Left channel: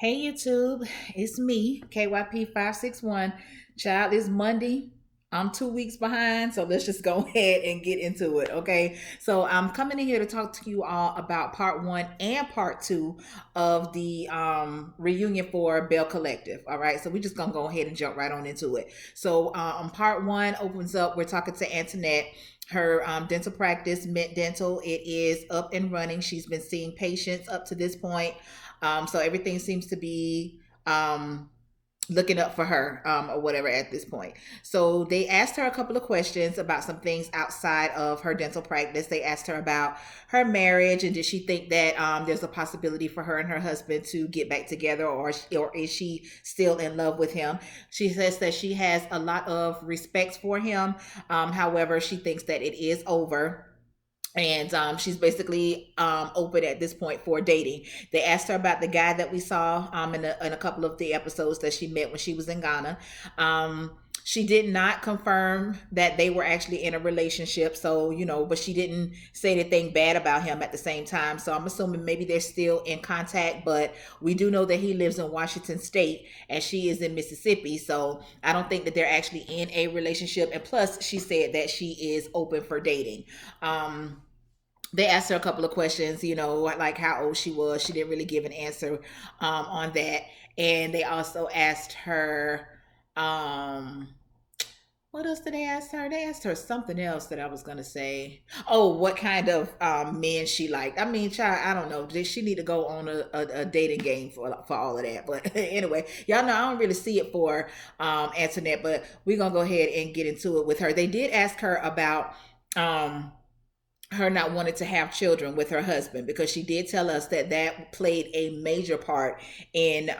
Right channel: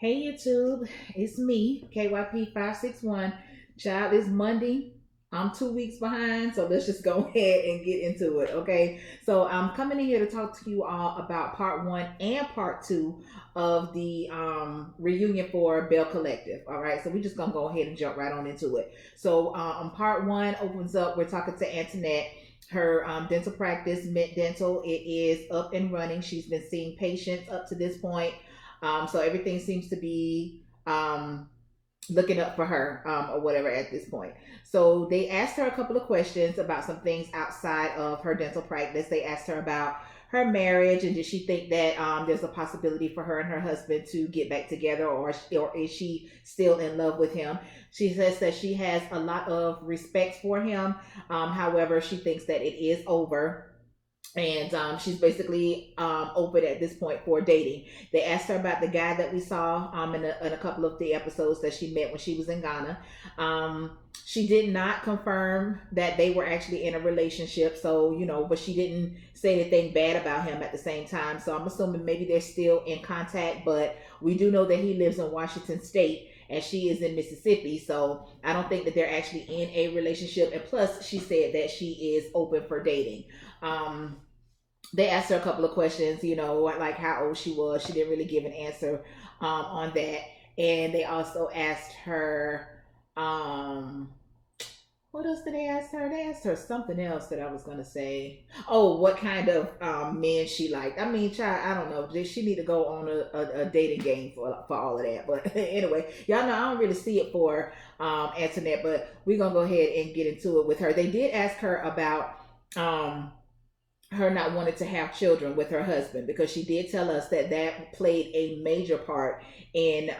Hey YouTube, it's me, KYP561. Child, it's Monday. I'm 2 weeks behind, so let's just go ahead and get into it, okay? So I'm coming in here to talk to you all about part one and part two of the reunion for Belle Collective, all right? So we're just gonna go ahead and jump right on into it. So part one opens up, we're talking to Antoinette. Her dental practice, Mint Dental, it is up and running. She's been seeing patients up to this point. So everything seems to be looking up for her or whatever at this point. So they asked her a couple of questions about some things outside of her dental practice. They asked her about her marriage and did she think that there's a possibility for her and her husband to get back together, or is she still in love with him? She says that she has a lot of respect for him. However, she thinks that it is over, and she's basically open at this point for dating. They asked her about the guy that we saw in a couple of the episodes that she met when she was in Ghana. She did not confirm that they were actually in a relationship, so but she didn't say anything bad about him at the same time. So I'm assuming maybe they're still in contact, but we do know that he lives in Washington State and she is in Mississippi, so I don't think that they're actually in a relationship. And plus, she said that she is open for dating. They asked her a couple of questions, like how old she was. She didn't really give an answer on that. And they also asked her, um, what else did they ask her? They asked her something else that I was gonna say. Oh, what kind of men she liked? I mean, child, I don't know. Did she need to go on a dating game for all of that? But anyway, y'all know I don't really see it for Antoinette, but we're gonna go ahead and get into it with her. They did ask her about um her not wanting to have children with her husband, because she did tell us that that played a major part in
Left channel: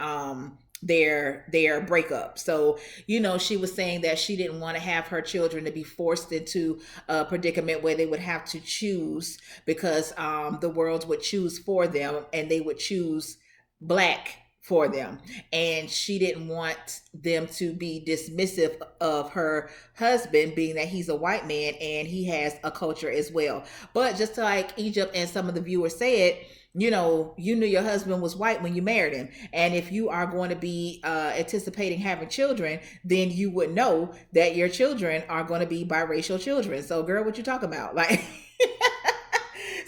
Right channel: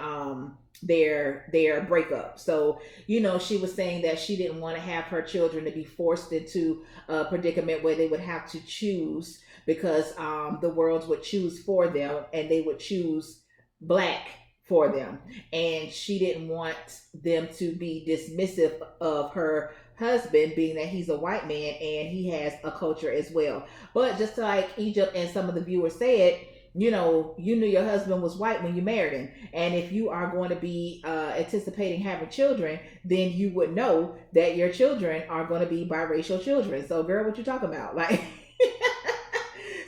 their breakup. So she was saying that she didn't want to have her children to be forced into a predicament where they would have to choose, because the world would choose for them and they would choose black for them, and she didn't want them to be dismissive of her husband, being that he's a white man and he has a culture as well. But just like Egypt and some of the viewers said, you knew your husband was white when you married him, and if you are going to be anticipating having children, then you would know that your children are going to be biracial children. So girl, what you talking about? Like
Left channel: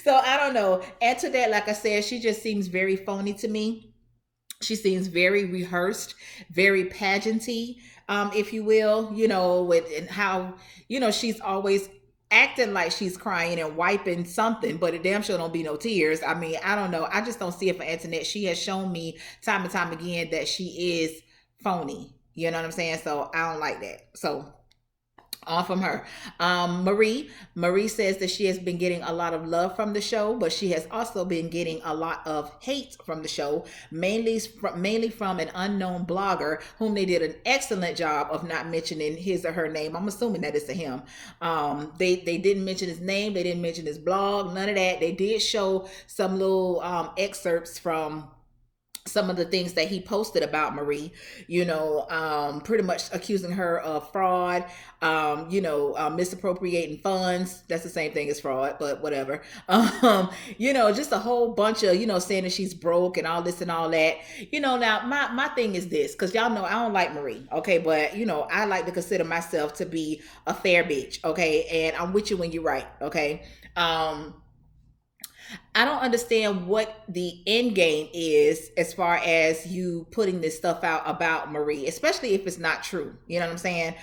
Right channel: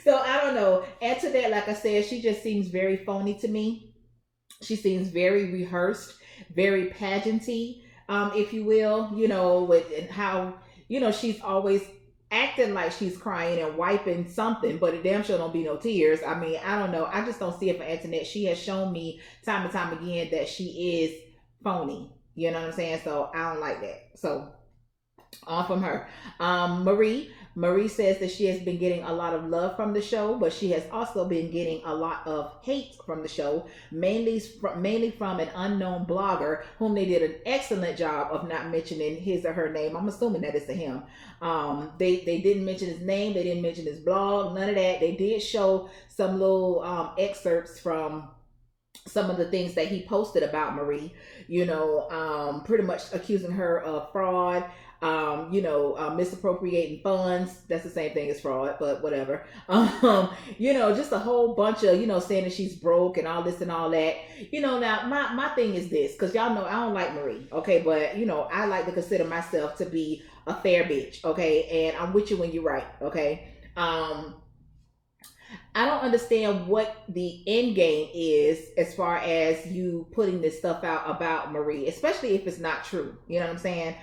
so I don't know. Add to that, like I said, she just seems very phony to me. She seems very rehearsed, very pageanty, if you will, with and how, she's always acting like she's crying and wiping something, but it damn sure don't be no tears. I mean, I don't know. I just don't see it for Antoinette. She has shown me time and time again that she is phony. You know what I'm saying? So I don't like that. So on from her. Marie says that she has been getting a lot of love from the show, but she has also been getting a lot of hate from the show, mainly from an unknown blogger whom they did an excellent job of not mentioning his or her name. I'm assuming that it's a him. They didn't mention his name, they didn't mention his blog, none of that. They did show some little excerpts from some of the things that he posted about Marie, pretty much accusing her of fraud, misappropriating funds. That's the same thing as fraud, but whatever. Just a whole bunch of, saying that she's broke and all this and all that. Now my thing is this, because y'all know I don't like Marie, okay, but I like to consider myself to be a fair bitch, okay, and I'm with you when you're right, okay. I don't understand what the end game is as far as you putting this stuff out about Marie, especially if it's not true. You know what I'm saying?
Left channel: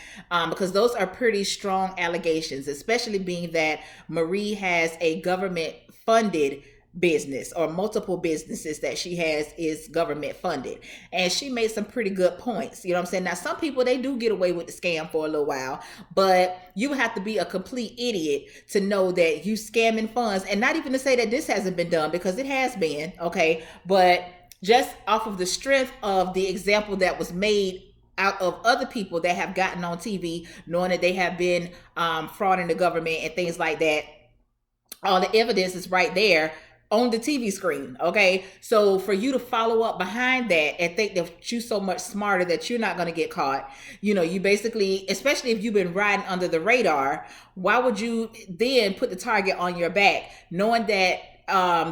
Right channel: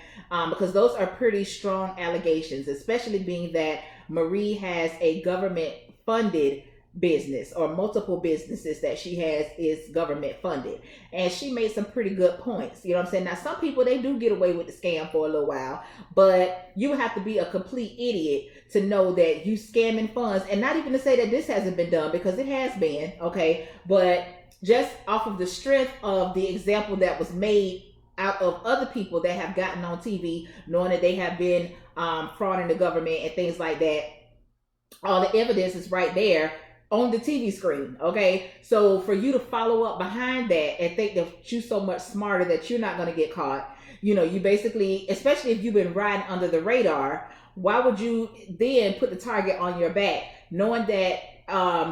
Because those are pretty strong allegations, especially being that Marie has a government funded business, or multiple businesses that she has is government funded, and she made some pretty good points. You know what I'm saying? Now some people, they do get away with the scam for a little while, but you have to be a complete idiot to know that you scamming funds. And not even to say that this hasn't been done, because it has been, okay, but just off of the strength of the example that was made out of other people that have gotten on TV, knowing that they have been frauding the government and things like that, all the evidence is right there on the TV screen, okay? So for you to follow up behind that and think that you're so much smarter that you're not going to get caught, you basically, especially if you've been riding under the radar, why would you then put the target on your back, knowing that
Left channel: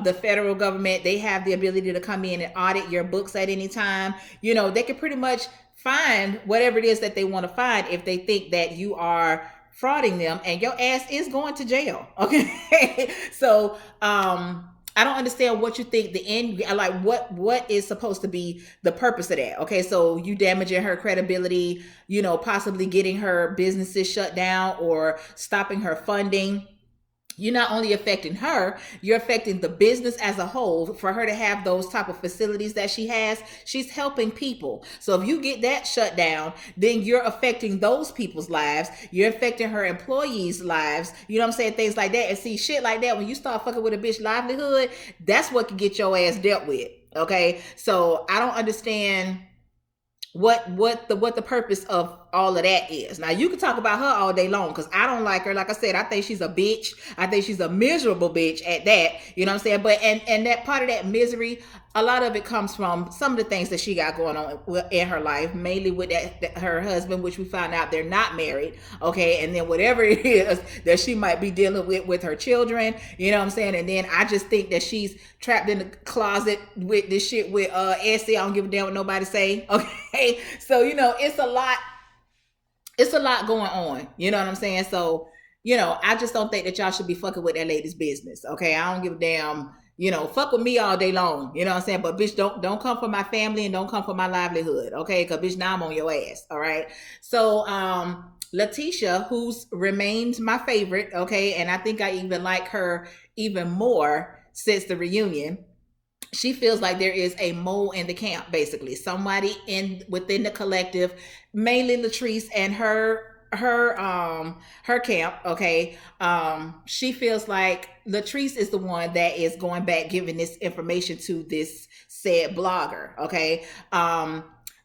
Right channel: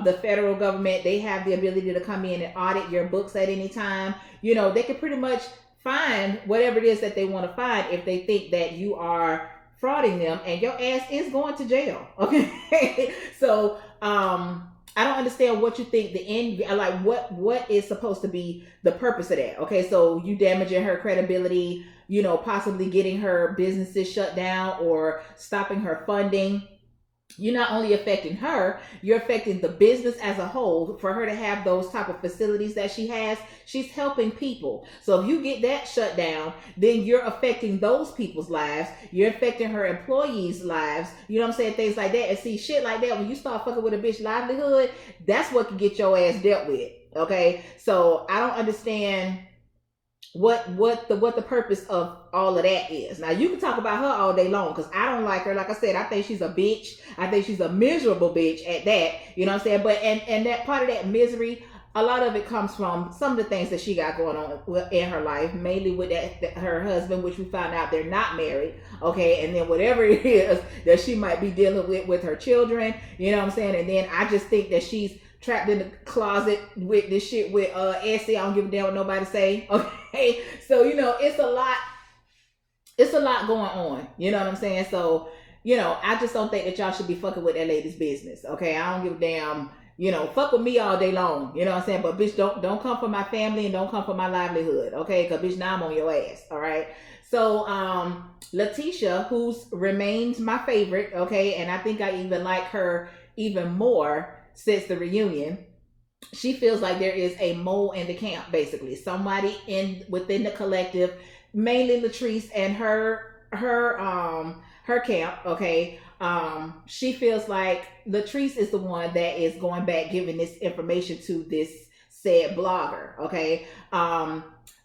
the federal government, they have the ability to come in and audit your books at any time. You know, they can pretty much find whatever it is that they want to find if they think that you are frauding them, and your ass is going to jail. Okay. So I don't understand what you think the end, like what is supposed to be the purpose of that. Okay, so you damaging her credibility, you know, possibly getting her businesses shut down or stopping her funding. You're not only affecting her, you're affecting the business as a whole. For her to have those type of facilities that she has, she's helping people. So if you get that shut down, then you're affecting those people's lives. You're affecting her employees' lives. You know what I'm saying? Things like that. And see, shit like that, when you start fucking with a bitch livelihood, that's what can get your ass dealt with. Okay, so I don't understand what the purpose of all of that is. Now you can talk about her all day long, because I don't like her. Like I said, I think she's a bitch. I think she's a miserable bitch at that. You know what I'm saying? But and that part of that misery, a lot of it comes from some of the things that she got going on in her life, mainly with that her husband, which we found out they're not married. Okay, and then whatever it is that she might be dealing with her children. You know what I'm saying? And then I just think that she's trapped in the closet with this shit with Essie. I don't give a damn what nobody say. Okay, so you know, it's a lot. It's a lot going on. You know what I'm saying? So you know, I just don't think that y'all should be fucking with that lady's business. Okay, I don't give a damn. You know, fuck with me all day long. You know what I'm saying? But bitch, don't come for my family and don't come for my livelihood. Okay, because bitch, now I'm on your ass. All right. So Letitia, who's remains my favorite. Okay, and I think I even like her even more since the reunion. She feels like there is a mole in the camp, basically somebody in within the collective, mainly Latrice and her camp. Okay, she feels like Latrice is the one that is going back giving this information to this said blogger. Okay,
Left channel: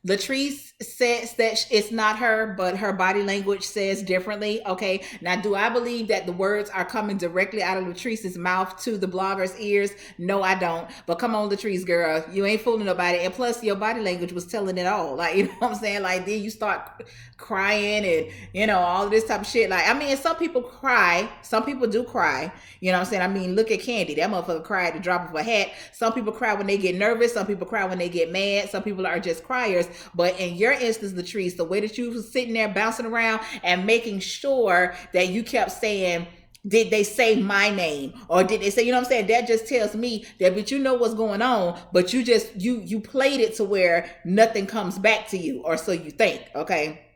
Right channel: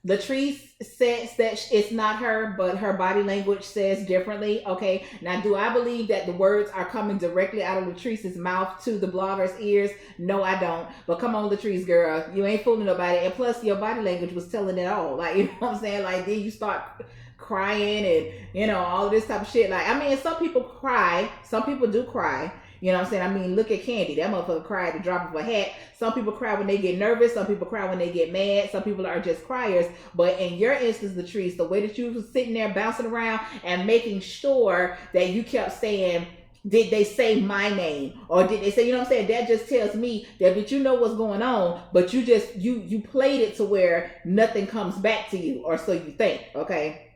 Latrice says that it's not her, but her body language says differently. Okay. Now, do I believe that the words are coming directly out of Latrice's mouth to the blogger's ears? No, I don't. But come on, Latrice, girl, you ain't fooling nobody. And plus, your body language was telling it all. Like, you know what I'm saying? Like, then you start crying and, you know, all this type of shit. Like, I mean, some people cry. Some people do cry. You know what I'm saying? I mean, look at Candy. That motherfucker cried at the drop of a hat. Some people cry when they get nervous. Some people cry when they get mad. Some people are just criers. But in your instance, Latrice, the way that you was sitting there bouncing around and making sure that you kept saying, did they say my name? Or did they say, you know what I'm saying? That just tells me that, but you know what's going on, but you just, you played it to where nothing comes back to you, or so you think. Okay.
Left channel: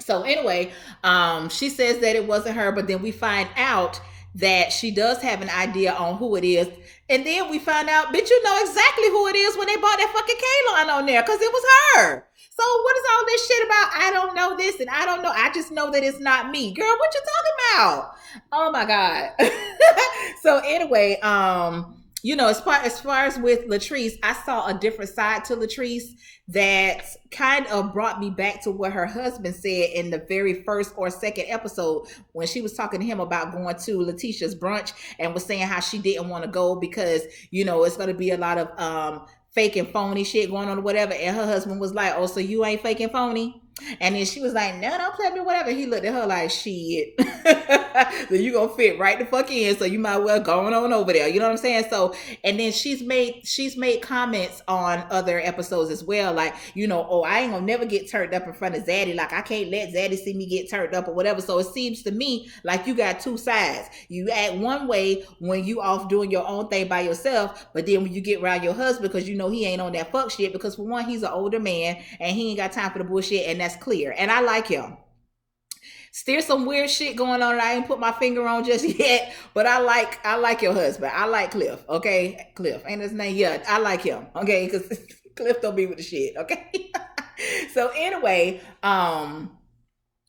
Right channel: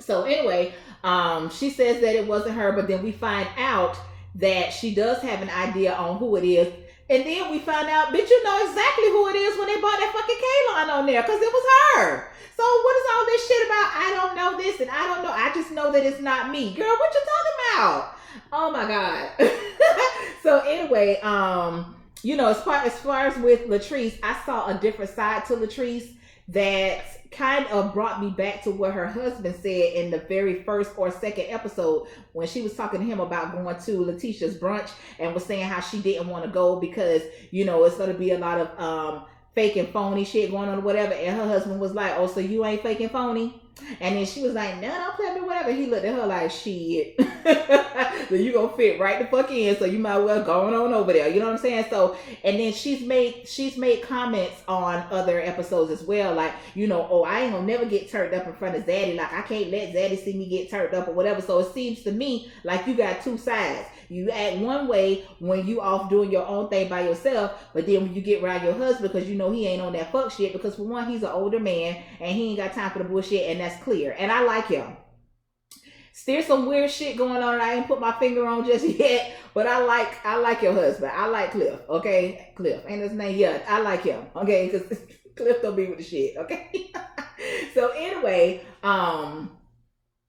So anyway, she says that it wasn't her, but then we find out that she does have an idea on who it is. And then we find out, bitch, you know exactly who it is when they bought that fucking K-line on there, because it was her. So what is all this shit about? I don't know this and I don't know. I just know that it's not me. Girl, what you talking about? Oh my God. So anyway, you know, as far as with Latrice, I saw a different side to Latrice that kind of brought me back to what her husband said in the very first or second episode, when she was talking to him about going to Letitia's brunch and was saying how she didn't want to go because, you know, it's going to be a lot of fake and phony shit going on or whatever. And her husband was like, oh, so you ain't fake and phony? And then she was like, no, don't play me, whatever. He looked at her like, shit. So you gonna fit right the fuck in, so you might well go on over there. You know what I'm saying? So, and then she's made comments on other episodes as well, like, you know, oh, I ain't gonna never get turned up in front of Zaddy. Like, I can't let Zaddy see me get turned up or whatever. So it seems to me like you got two sides. You act one way when you off doing your own thing by yourself, but then when you get around your husband, because you know he ain't on that fuck shit, because for one, he's an older man and he ain't got time for the bullshit, and that's clear. And I like him. Still some weird shit going on that I ain't put my finger on just yet, but I like your husband. I like Cliff. Okay, Cliff ain't his name yet. I like him. Okay, because Cliff don't be with the shit. Okay. So anyway,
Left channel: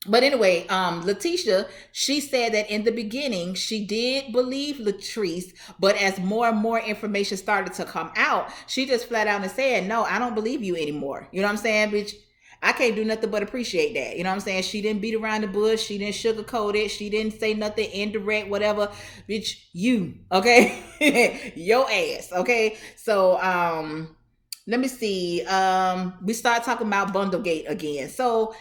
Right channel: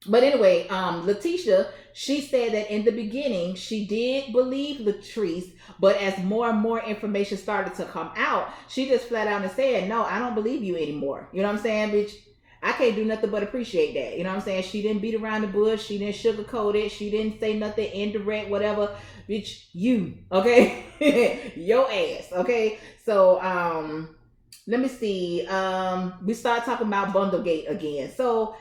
Letitia, she said that in the beginning she did believe Latrice, but as more and more information started to come out, she just flat out and said, no, I don't believe you anymore. You know what I'm saying, bitch? I can't do nothing but appreciate that. You know what I'm saying? She didn't beat around the bush. She didn't sugarcoat it. She didn't say nothing indirect, whatever. Bitch, you, okay? Your ass, okay? So, let me see. We start talking about Bundlegate again. So,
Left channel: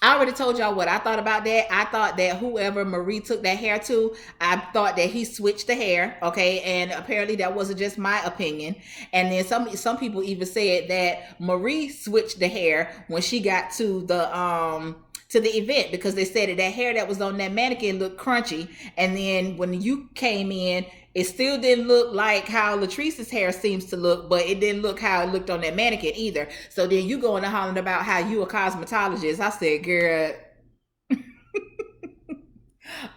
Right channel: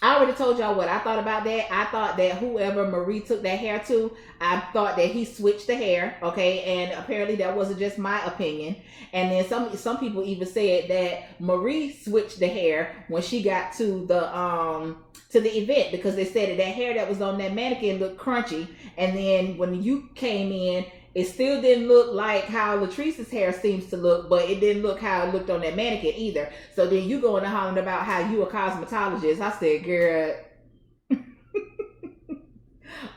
I already told y'all what I thought about that. I thought that whoever Marie took that hair to, I thought that he switched the hair. Okay, and apparently that wasn't just my opinion. And then some people even said that Marie switched the hair when she got to the event, because they said that that hair that was on that mannequin looked crunchy, and then when you came in, it still didn't look like how Latrice's hair seems to look, but it didn't look how it looked on that mannequin either. So then you going to hollering about how you a cosmetologist. I said, girl,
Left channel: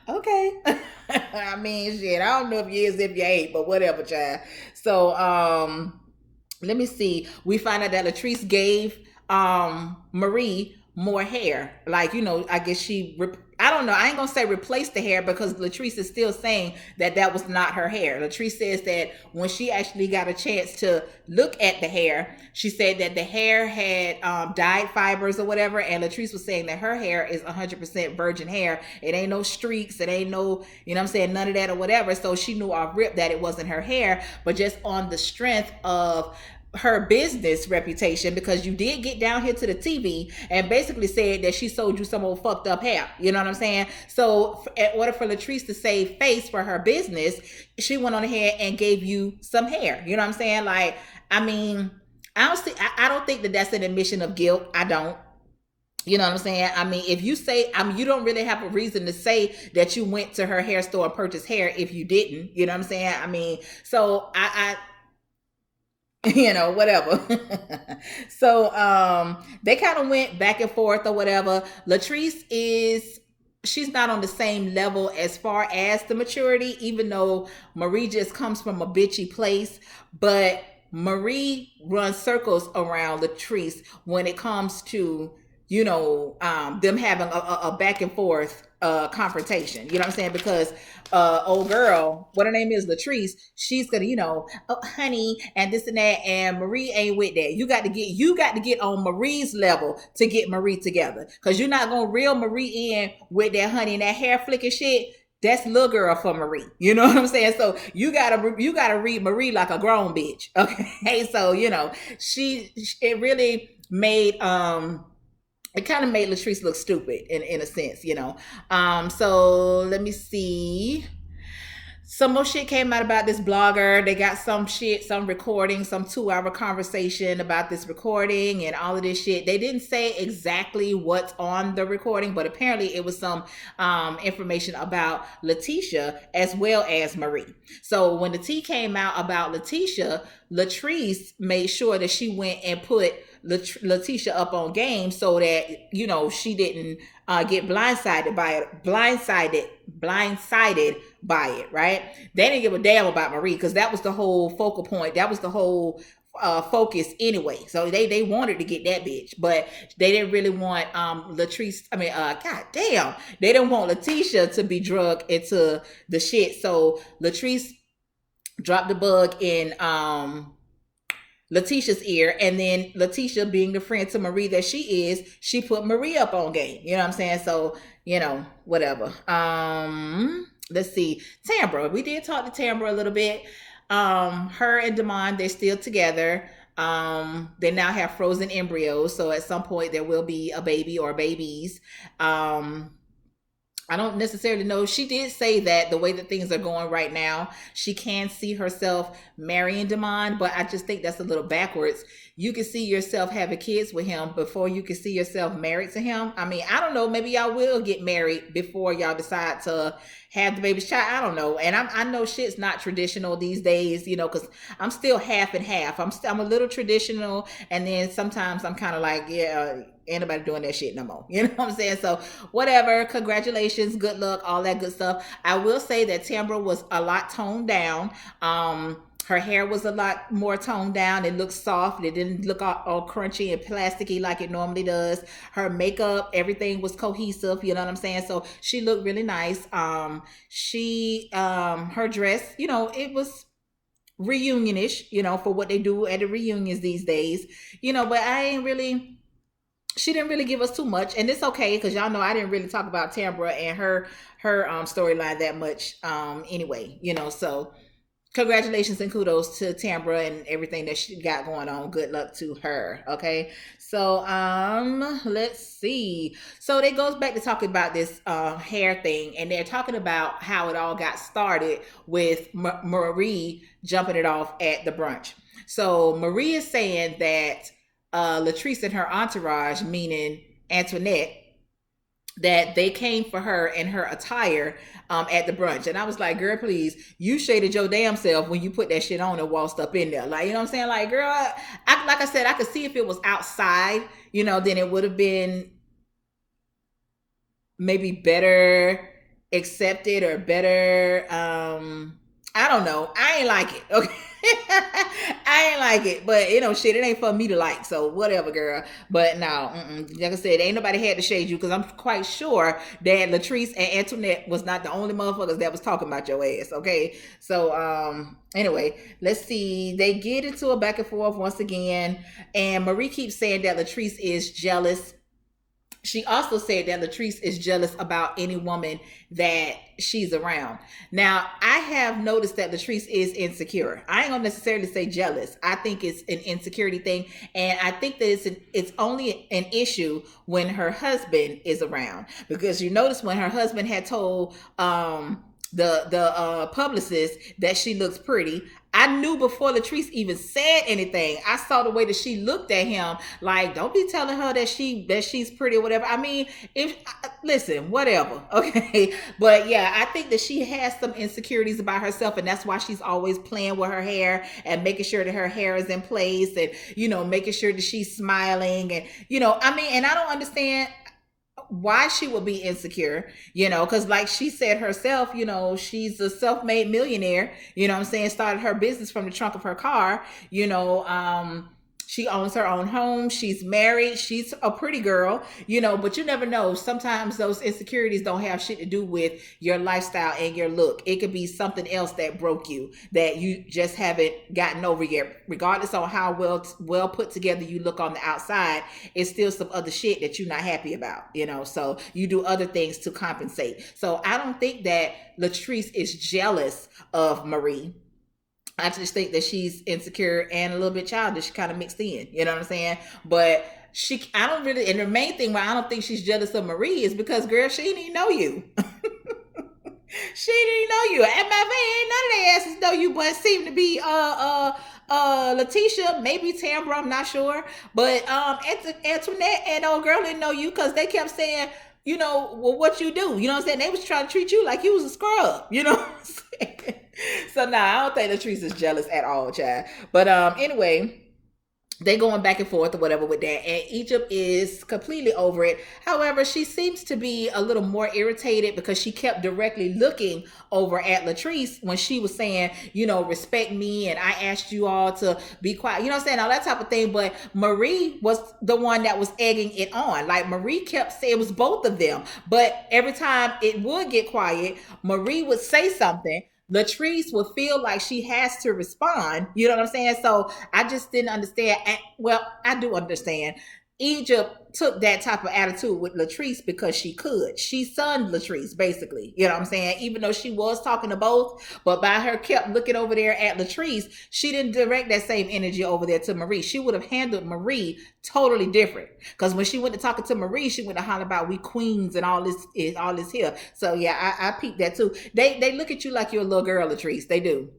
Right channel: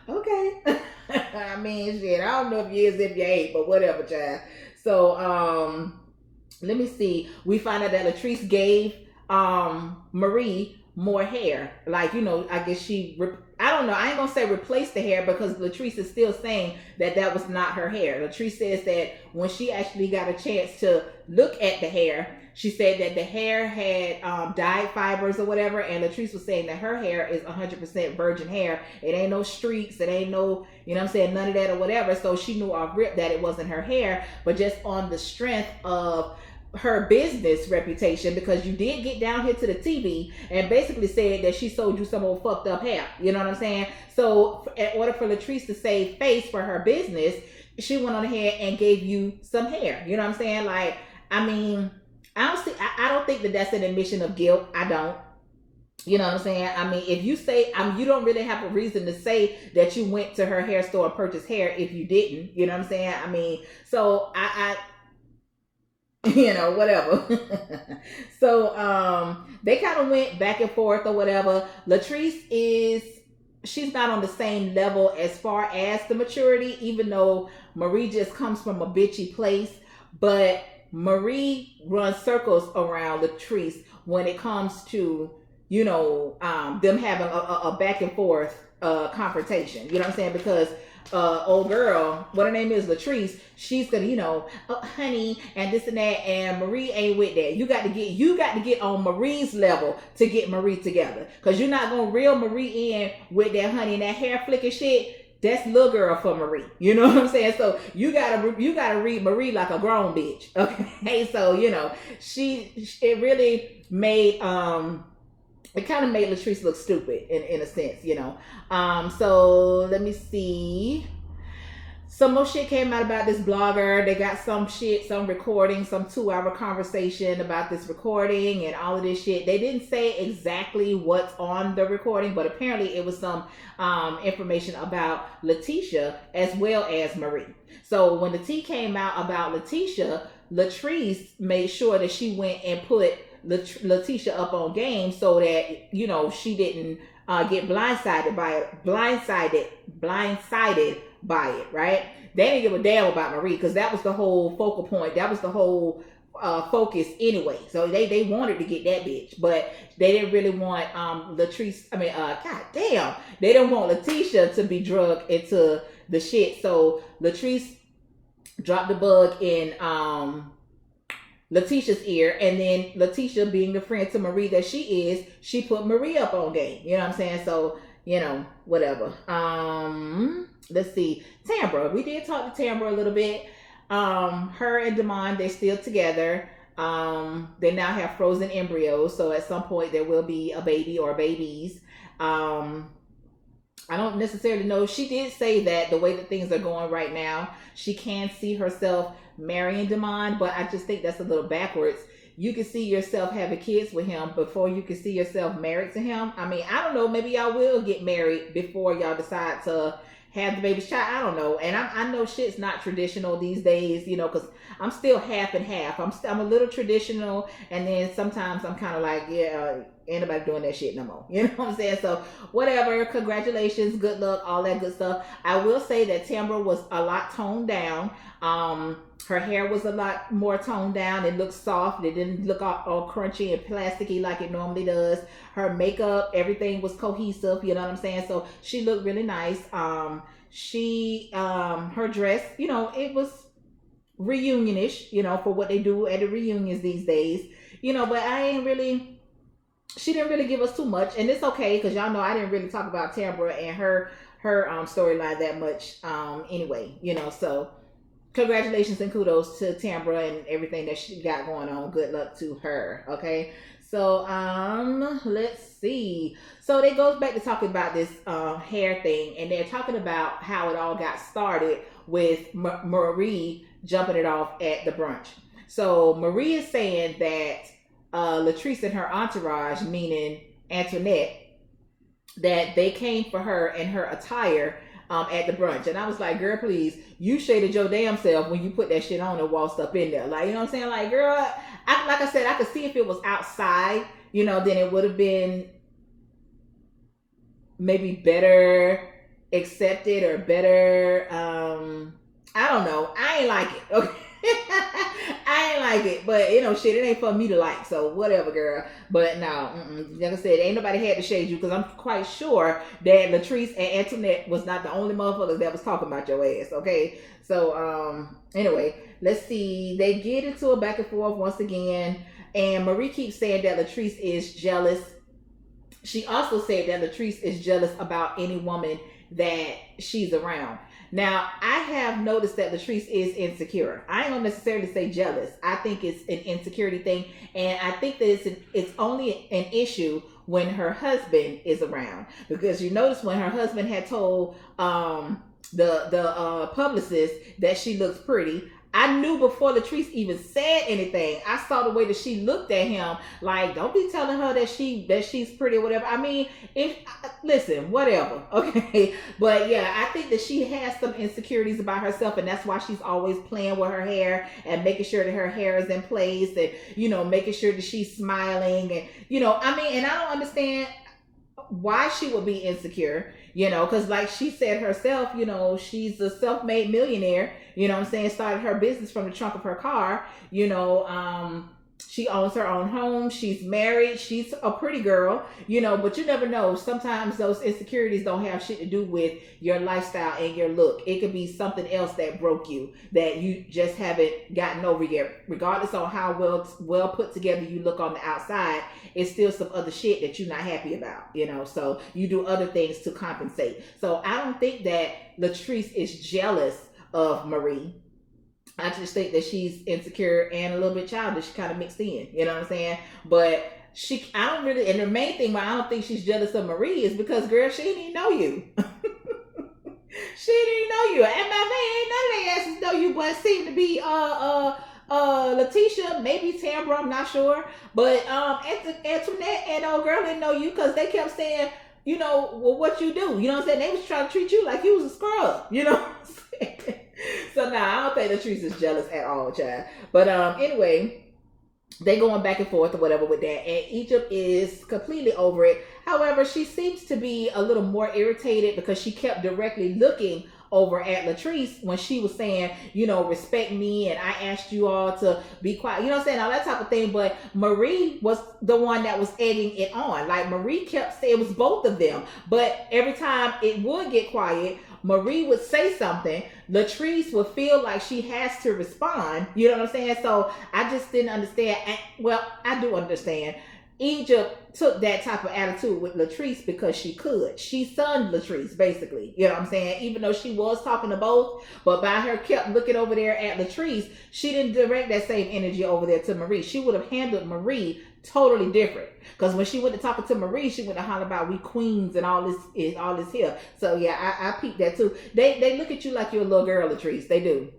okay. I mean, shit, I don't know if you is, if you ain't, but whatever, child. So, let me see. We find out that Latrice gave Marie more hair. Like, I guess I don't know. I ain't gonna say replace the hair, because Latrice is still saying that that was not her hair. Latrice says that when she actually got a chance to look at the hair, she said that the hair had dyed fibers or whatever, and Latrice was saying that her hair is 100% virgin hair. It ain't no streaks, it ain't no, what I'm saying, none of that or whatever. So she knew off rip that it wasn't her hair, but just on the strength of her business reputation, because you did get down here to the TV and basically said that she sold you some old fucked up hair. You know what I'm saying? So in order for Latrice to save face for her business, she went on ahead and gave you some hair. You know what I'm saying? Like, I mean, I don't think that that's an admission of guilt. I don't. You know what I'm saying? I mean, if you say, you don't really have a reason to say that you went to her hair store and purchased hair if you didn't. You know what I'm saying? I mean, so whatever. So they kind of went back and forth or whatever. Latrice she's not on the same level as far as the maturity, even though Marie just comes from a bitchy place. But Marie runs circles around Latrice when it comes to, them having a back and forth confrontation. You know what I'm saying? Because old girl, what her name is, Latrice, she's gonna, oh honey, and this and that, and Marie ain't with that. You got to get on Marie's level to get Marie together, because you're not gonna reel Marie in with that honey and that hair flicking shit. That's little girl for Marie. You know what I'm saying? So you gotta read Marie like a grown bitch. Okay. So, it really made it kind of made Latrice look stupid in a sense, So let me see. Some more shit came out about this blogger. They got some recording, some 2-hour conversation about this recording and all of this shit. They didn't say exactly what's on the recording, but apparently it was some information about Letitia as well as Marie. So when the tea came out about Letitia, Latrice made sure that she went and put Letitia up on game, so that she didn't get blindsided by it, right? They didn't give a damn about Marie, because that was the whole focal point. That was the whole focus anyway. So they wanted to get that bitch, but they didn't really want Latrice. I mean, god damn, they didn't want Letitia to be drugged into the shit. So Latrice dropped the bug in Letitia's ear, and then Letitia, being the friend to Marie that she is, she put Marie up on game. You know what I'm saying? So, whatever. Let's see. Tambra. We did talk to Tambra a little bit. Her and Damon, they're still together. They now have frozen embryos, so at some point there will be a baby or babies. I don't necessarily know. She did say that the way that things are going right now, she can see herself marrying Damon, but I just think that's a little backwards. You can see yourself having kids with him before you can see yourself married to him. I mean, I don't know. Maybe y'all will get married before y'all decide to have the baby's child. I don't know. And I know shit's not traditional these days, because I'm still half and half. I'm a little traditional, and then sometimes I'm kind of like, yeah, ain't nobody doing that shit no more. You know what I'm saying? So whatever. Congratulations, good luck, all that good stuff. I will say that Tambra was a lot toned down. Her hair was a lot more toned down. It looked soft. It didn't look all crunchy and plasticky like it normally does. Her makeup, everything was cohesive. You know what I'm saying? So she looked really nice. Her dress, it was reunionish, for what they do at the reunions these days. But she didn't really give us too much, and it's okay, because y'all know I didn't really talk about Tambra and her storyline that much anyway. So congratulations and kudos to Tambra and everything that she got going on. Good luck to her. Okay. So let's see. So it goes back to talking about this hair thing, and they're talking about how it all got started with Marie jumping it off at the brunch. So Marie is saying that Latrice and her entourage, meaning Antoinette, that they came for her and her attire at the brunch. And I was like, girl, please, you shaded your damn self when you put that shit on and waltzed up in there. Like, you know what I'm saying? Like, girl, like I said, I could see if it was outside, then it would have been maybe better accepted or better. I don't know. I ain't like it. Okay. I ain't like it, but shit, it ain't for me to like. So whatever, girl. But no, like I said, ain't nobody had to shade you, because I'm quite sure that Latrice and Antoinette was not the only motherfuckers that was talking about your ass. Okay, so anyway, let's see. They get into a back and forth once again, and Marie keeps saying that Latrice is jealous. She also said that Latrice is jealous about any woman that she's around. Now, I have noticed that Latrice is insecure. I ain't gonna necessarily say jealous. I think it's an insecurity thing, and I think that it's only an issue when her husband is around. Because you notice when her husband had told the publicist that she looks pretty, I knew before Latrice even said anything. I saw the way that she looked at him, like, don't be telling her that she's pretty or whatever. I mean, listen, whatever, okay. But yeah, I think that she has some insecurities about herself, and that's why she's always playing with her hair and making sure that her hair is in place, and making sure that she's smiling, and and I don't understand why she would be insecure, because like she said herself, she's a self-made millionaire, what I'm saying, started her business from the trunk of her car, she owns her own home, she's married, she's a pretty girl, but you never know. Sometimes those insecurities don't have shit to do with your lifestyle and your look. It could be something else that broke you, that you just haven't gotten over yet. Regardless on how well put together you look on the outside, it's still some other shit that you're not happy about, so you do other things to compensate. So I don't think that Latrice is jealous of Marie. I just think that she's insecure and a little bit childish, kind of mixed in. You know what I'm saying? But I don't really, and the main thing why I don't think she's jealous of Marie is because, girl, she didn't even know you. She didn't know you. And my man, none of their asses know you, but it seemed to be Letitia, maybe Tambra, I'm not sure. But Antoinette and old girl didn't know you, because they kept saying, well, what you do? You know what I'm saying? They was trying to treat you like you was a scrub. You know what I'm saying? So I don't think Latrice is jealous at all, child. But anyway, they going back and forth or whatever with that, and Egypt is completely over it. However, she seems to be a little more irritated because she kept directly looking over at Latrice when she was saying, respect me, and I asked you all to be quiet, you know what I'm saying, all that type of thing. But Marie was the one that was egging it on. Like, Marie kept saying, it was both of them, but every time it would get quiet, Marie would say something, Latrice would feel like she has to respond, you know what I'm saying? So I just didn't understand. Well, I do understand. Egypt took that type of attitude with Latrice because she could. She sunned Latrice, basically. You know what I'm saying? Even though she was talking to both, but by her kept looking over there at Latrice, she didn't direct that same energy over there to Marie. She would have handled Marie totally different. Because when she went to talking to Marie, she went to holler about we queens and all this here. So yeah, I peeped that too. They look at you like you're a little girl, Latrice. They do.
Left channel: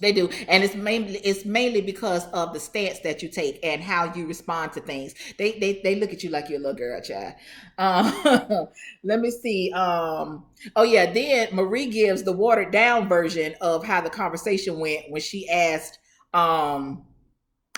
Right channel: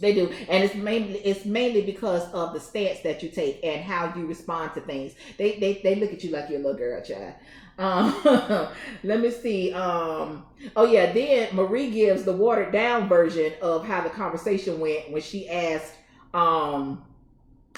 They do. And it's mainly because of the stance that you take and how you respond to things. They look at you like you're a little girl, child. Let me see. Oh yeah, then Marie gives the watered down version of how the conversation went when she asked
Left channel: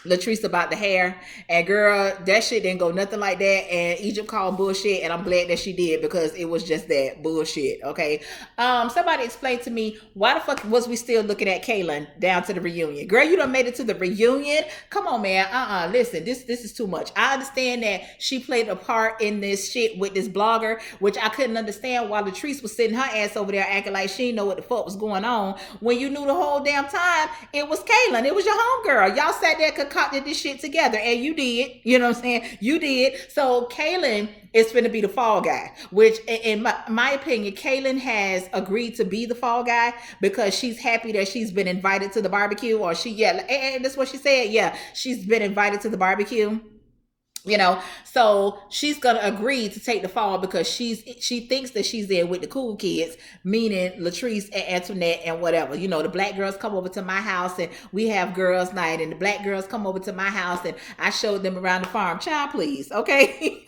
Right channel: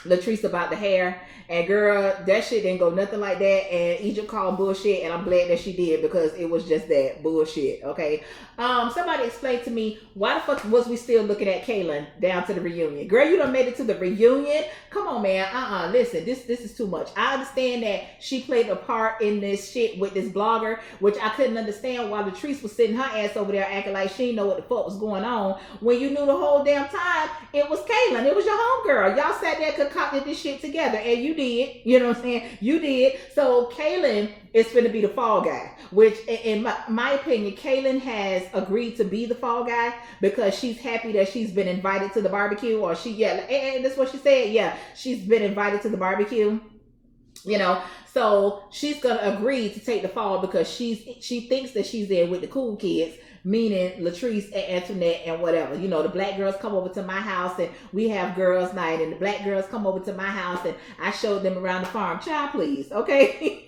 Latrice about the hair, and girl, that shit didn't go nothing like that, and Egypt called bullshit, and I'm glad that she did, because it was just that bullshit. Okay. Somebody explained to me, why the fuck was we still looking at Kaylin down to the reunion? Girl, you done made it to the reunion. Come on, man. Listen, this is too much. I understand that she played a part in this shit with this blogger, which I couldn't understand why Latrice was sitting her ass over there acting like she didn't know what the fuck was going on, when you knew the whole damn time it was Kaylin. It was your homegirl. Y'all sat there concocted this shit together, and you did. You know what I'm saying? You did. So Kaylin is finna be the fall guy, which, in my opinion, Kaylin has agreed to be the fall guy because she's happy that she's been invited to the barbecue, or and that's what she said. Yeah, she's been invited to the barbecue. So she's gonna agree to take the fall because she thinks that she's there with the cool kids, meaning Latrice and Antoinette and whatever. The black girls come over to my house and we have girls night, and the black girls come over to my house and I showed them around the farm. Child, please, okay?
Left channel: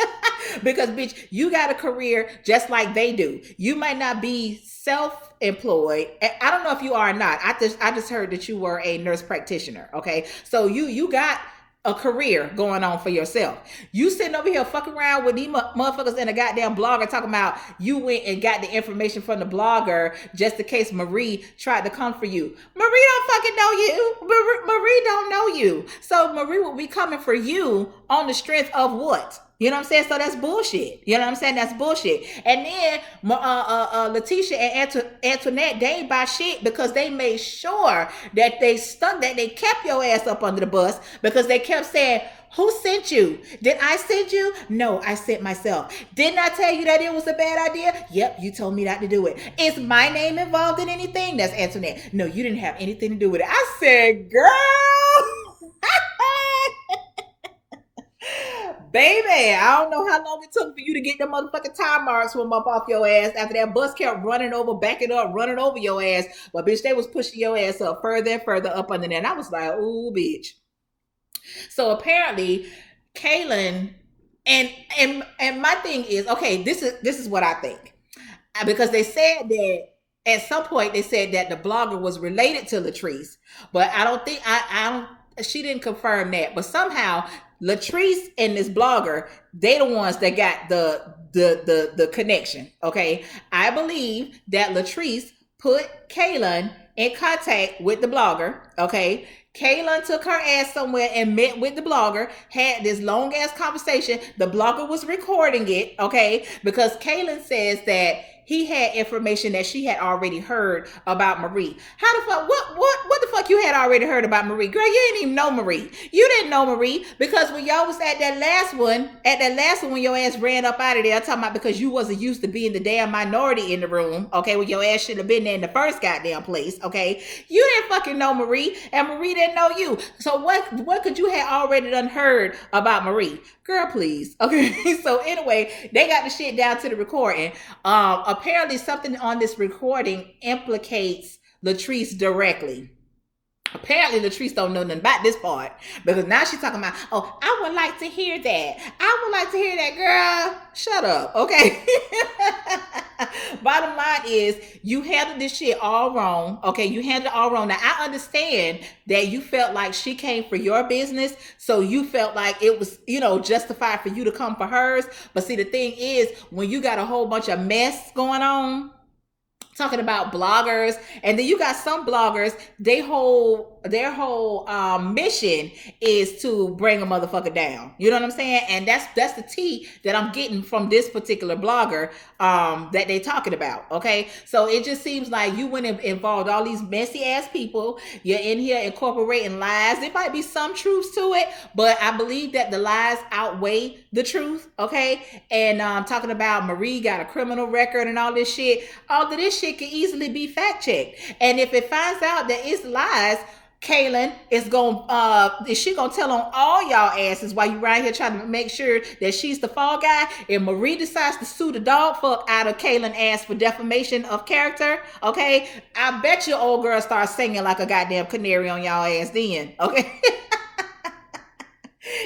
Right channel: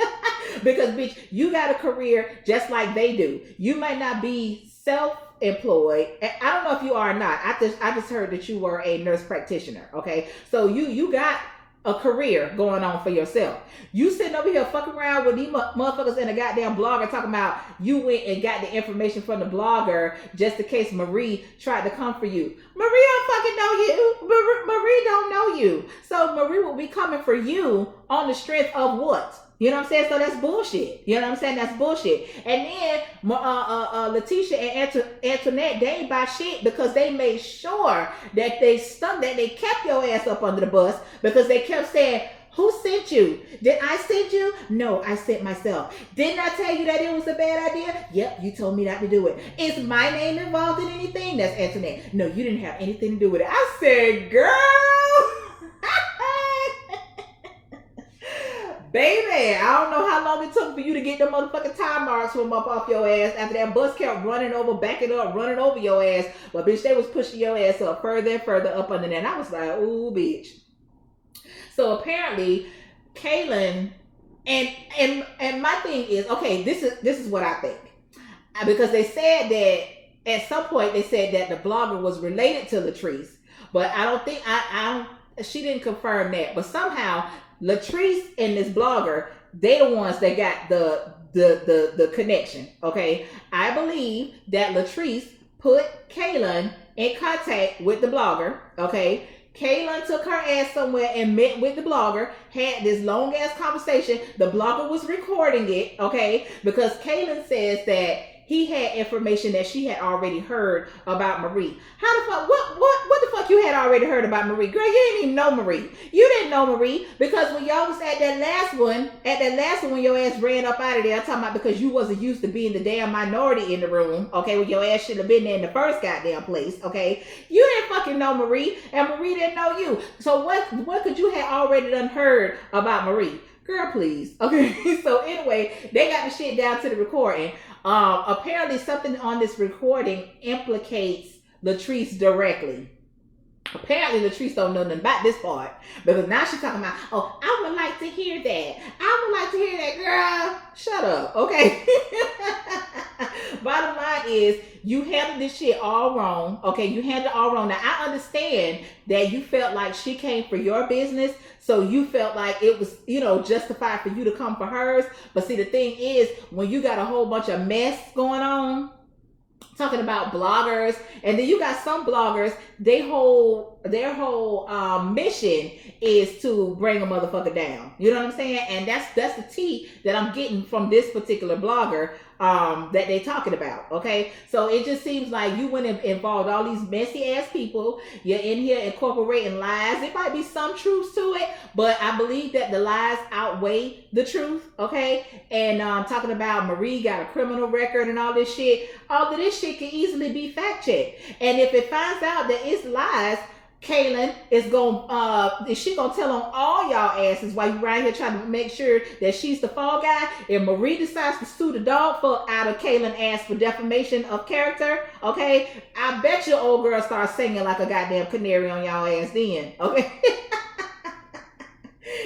Because bitch, you got a career just like they do. You might not be self-employed. I don't know if you are or not. I just heard that you were a nurse practitioner. Okay, so you got a career going on for yourself. You sitting over here fucking around with these motherfuckers in a goddamn blogger talking about you went and got the information from the blogger just in case Marie tried to come for you. Marie don't fucking know you. Marie don't know you. So Marie will be coming for you on the strength of what? You know what I'm saying? So that's bullshit. You know what I'm saying? That's bullshit. And then Letitia and Antoinette, they ain't buy shit because they made sure that they kept your ass up under the bus because they kept saying, who sent you? Did I send you? No, I sent myself. Didn't I tell you that it was a bad idea? Yep, you told me not to do it. Is my name involved in anything? That's Antoinette. No, you didn't have anything to do with it. I said, girl. Baby, I don't know how long it took for you to get them motherfucking time marks from up off your ass after that bus kept running over, backing up, running over your ass. But bitch, they was pushing your ass up further and further up under there. And I was like, ooh, bitch. So apparently, Kaylin, and my thing is, okay, this is what I think. Because they said that at some point they said that the blogger was related to Latrice. But I don't think she didn't confirm that. But somehow Latrice and this blogger, they the ones that got the connection. Okay. I believe that Latrice put Kaylin in contact with the blogger. Okay. Kaylin took her ass somewhere and met with the blogger, had this long ass conversation. The blogger was recording it, okay? Because Kaylin says that he had information that she had already heard about Marie. How the fuck, what the fuck you had already heard about Marie? Girl, you didn't even know Marie. You didn't know Marie because when y'all was at that last one when your ass ran up out of there, I'm talking about because you wasn't used to being the damn minority in the room, okay, when your ass should have been there in the first goddamn place, okay? You didn't fucking know Marie, and Marie didn't know you. So what could you have already done heard about Marie? Girl, please. Okay. So anyway, they got the shit down to the recording. Apparently something on this recording implicates Latrice directly. Apparently Latrice don't know nothing about this part because now she's talking about, oh, I would like to hear that. I would like to hear that, girl. Shut up, okay? Bottom line is you handled this shit all wrong, okay? You handled it all wrong. Now, I understand that you felt like she came for your business, so you felt like it was, justified for you to come for hers. But see, the thing is, when you got a whole bunch of mess going on, talking about bloggers, and then you got some bloggers, their whole mission is to bring a motherfucker down. You know what I'm saying? And that's the tea that I'm getting from this particular blogger that they talking about. Okay, so it just seems like you went and involved all these messy ass people. You're in here incorporating lies. There might be some truth to it, but I believe that the lies outweigh the truth. Okay, and talking about Marie got a criminal record and all this shit. All of this shit can easily be fact checked, and if it finds out that it's lies, Kaylin is she gonna tell on all y'all asses while you around here trying to make sure that she's the fall guy. If Marie decides to sue the dog fuck out of Kaylin ass for defamation of character, okay, I bet your old girl starts singing like a goddamn canary on y'all ass then, okay?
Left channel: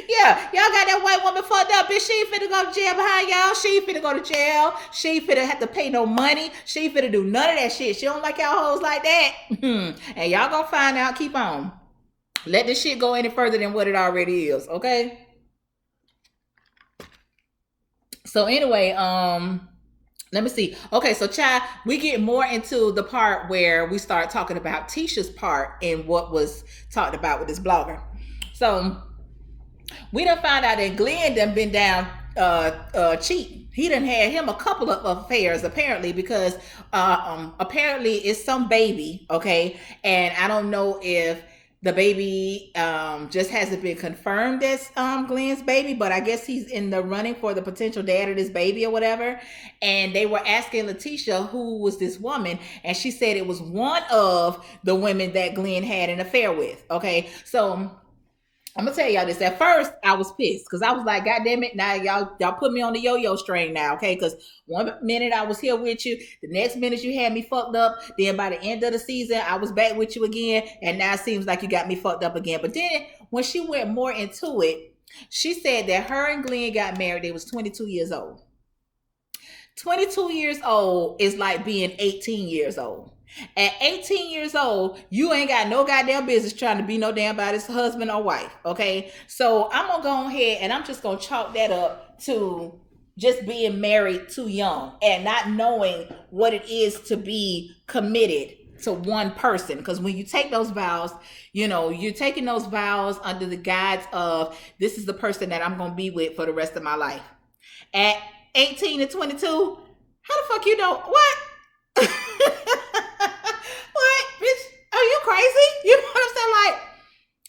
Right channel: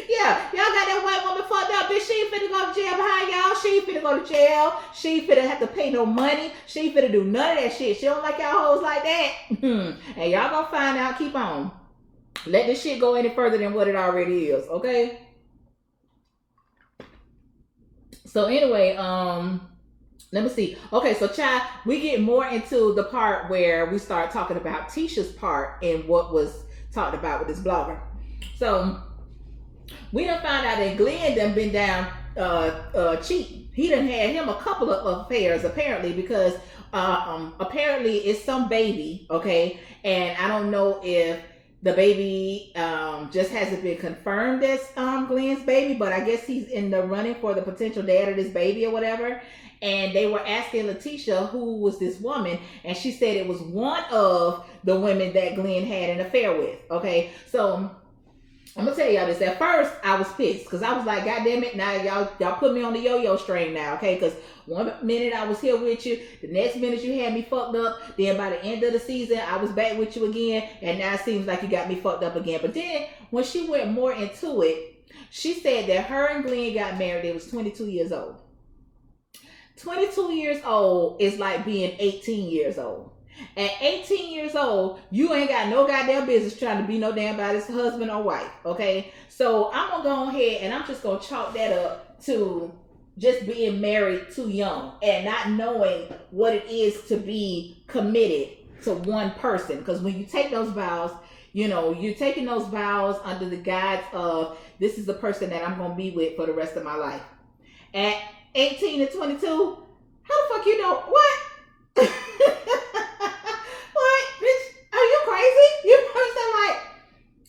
Yeah, y'all got that white woman fucked up, bitch. She ain't finna go to jail behind y'all. She ain't finna go to jail. She ain't finna have to pay no money. She ain't finna do none of that shit. She don't like y'all hoes like that. And y'all gonna find out. Keep on. Let this shit go any further than what it already is, okay? So anyway, let me see. Okay, so child, we get more into the part where we start talking about Tisha's part and what was talked about with this blogger. So we done found out that Glenn done been down cheating. He done had him a couple of affairs apparently because apparently it's some baby, okay? And I don't know if The baby just hasn't been confirmed as Glenn's baby, but I guess he's in the running for the potential dad of this baby or whatever. And they were asking Letitia who was this woman, and she said it was one of the women that Glenn had an affair with. Okay, so I'm gonna tell y'all this. At first, I was pissed because I was like, "God damn it! Now y'all put me on the yo-yo strain now, okay?" Because one minute I was here with you, the next minute you had me fucked up. Then by the end of the season, I was back with you again, and now it seems like you got me fucked up again. But then when she went more into it, she said that her and Glenn got married. They was 22 years old. 22 years old is like being 18 years old. At 18 years old, you ain't got no goddamn business trying to be no damn body's husband or wife, okay? So I'm gonna go ahead and I'm just gonna chalk that up to just being married too young and not knowing what it is to be committed to one person. Because when you take those vows, you know, you're taking those vows under the guise of this is the person that I'm gonna be with for the rest of my life. At 18 to 22, how the fuck you know what? What, bitch? Are you crazy? You know what I'm saying? Like,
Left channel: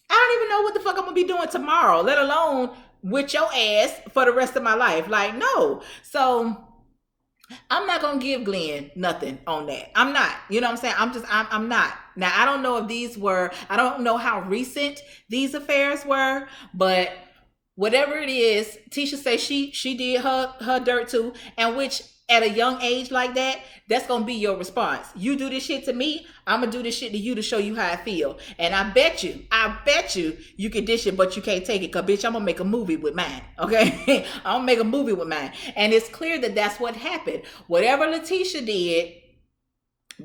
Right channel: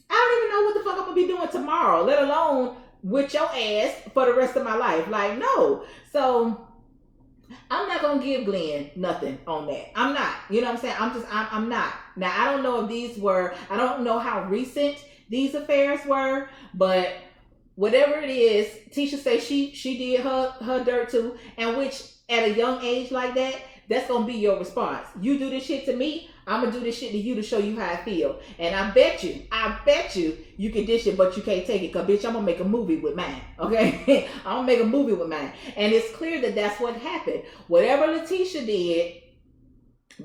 I don't even know what the fuck I'm gonna be doing tomorrow, let alone with your ass for the rest of my life. Like, no. So I'm not gonna give Glenn nothing on that. I'm not. You know what I'm saying? I'm not. Now I don't know if I don't know how recent these affairs were, but whatever it is, Tisha says she did her dirt too, and which at a young age like that, that's gonna be your response. You do this shit to me, I'm gonna do this shit to you to show you how I feel. And I bet you, you can dish it, but you can't take it. Cause bitch, I'm gonna make a movie with mine. Okay, I'm gonna make a movie with mine. And it's clear that that's what happened. Whatever Letitia did,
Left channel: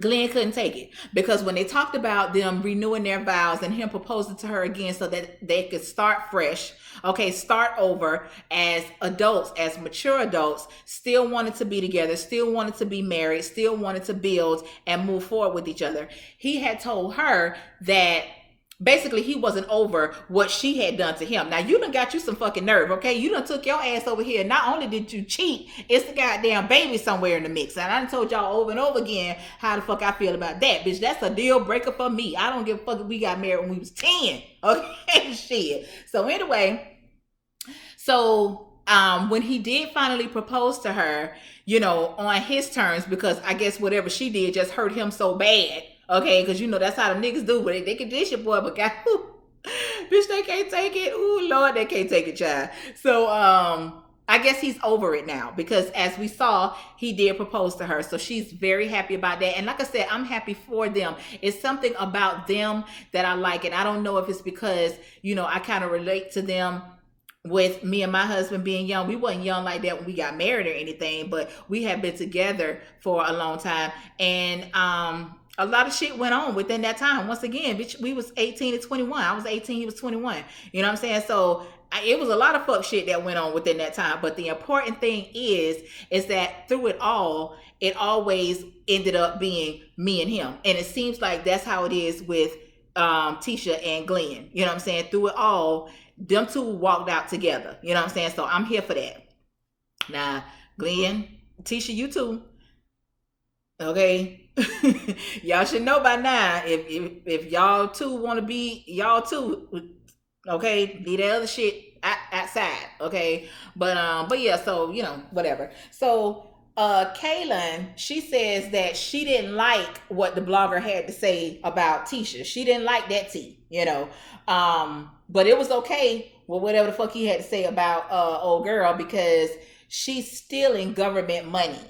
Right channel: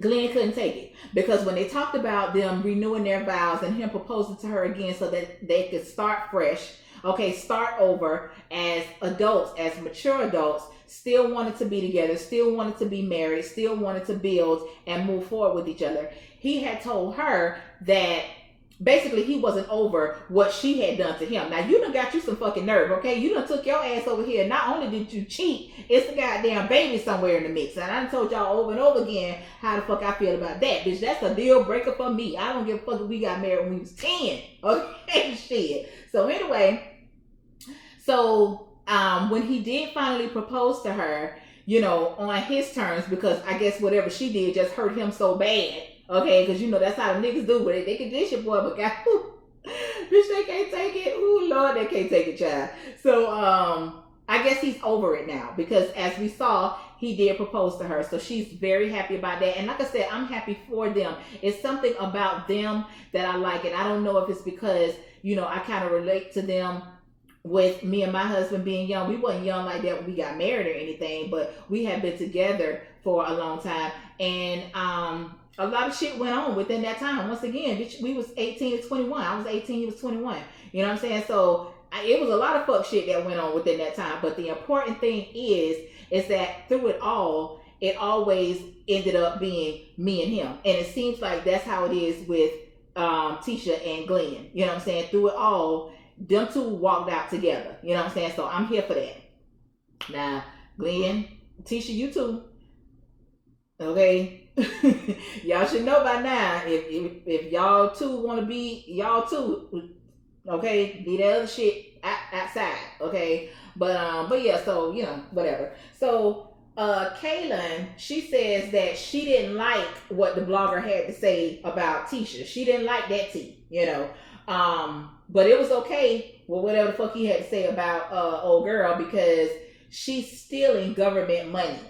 Glenn couldn't take it, because when they talked about them renewing their vows and him proposing to her again so that they could start fresh, okay, start over as adults, as mature adults, still wanted to be together, still wanted to be married, still wanted to build and move forward with each other. He had told her that basically he wasn't over what she had done to him. Now you done got you some fucking nerve, okay? You done took your ass over here. Not only did you cheat, it's the goddamn baby somewhere in the mix. And I done told y'all over and over again how the fuck I feel about that. Bitch, that's a deal breaker for me. I don't give a fuck if we got married when we was 10. Okay, shit. So anyway, when he did finally propose to her, you know, on his terms, because I guess whatever she did just hurt him so bad. Okay, because you know that's how the niggas do, but they can dish it, boy, but God, bitch, they can't take it. Ooh, Lord, they can't take it, child. So, I guess he's over it now, because as we saw, he did propose to her. So she's very happy about that. And like I said, I'm happy for them. It's something about them that I like. And I don't know if it's because, you know, I kind of relate to them with me and my husband being young. We wasn't young like that when we got married or anything, but we have been together for a long time. And, a lot of shit went on within that time. Once again, bitch, we was 18 to 21. I was 18, he was 21. You know what I'm saying? So it was a lot of fuck shit that went on within that time. But the important thing is that through it all, it always ended up being me and him. And it seems like that's how it is with Tisha and Glenn. You know what I'm saying? Through it all, them two walked out together. You know what I'm saying? So I'm here for that. Now, Glenn, Tisha, you too. Okay. Y'all should know by now, if y'all two want to be y'all two, okay, leave that other shit outside, okay. But yeah, so you know, whatever. So Kaylin, she says that she didn't like what the blogger had to say about Tisha. She didn't like that tea, you know. But it was okay with whatever the fuck he had to say about old girl, because she's stealing government money.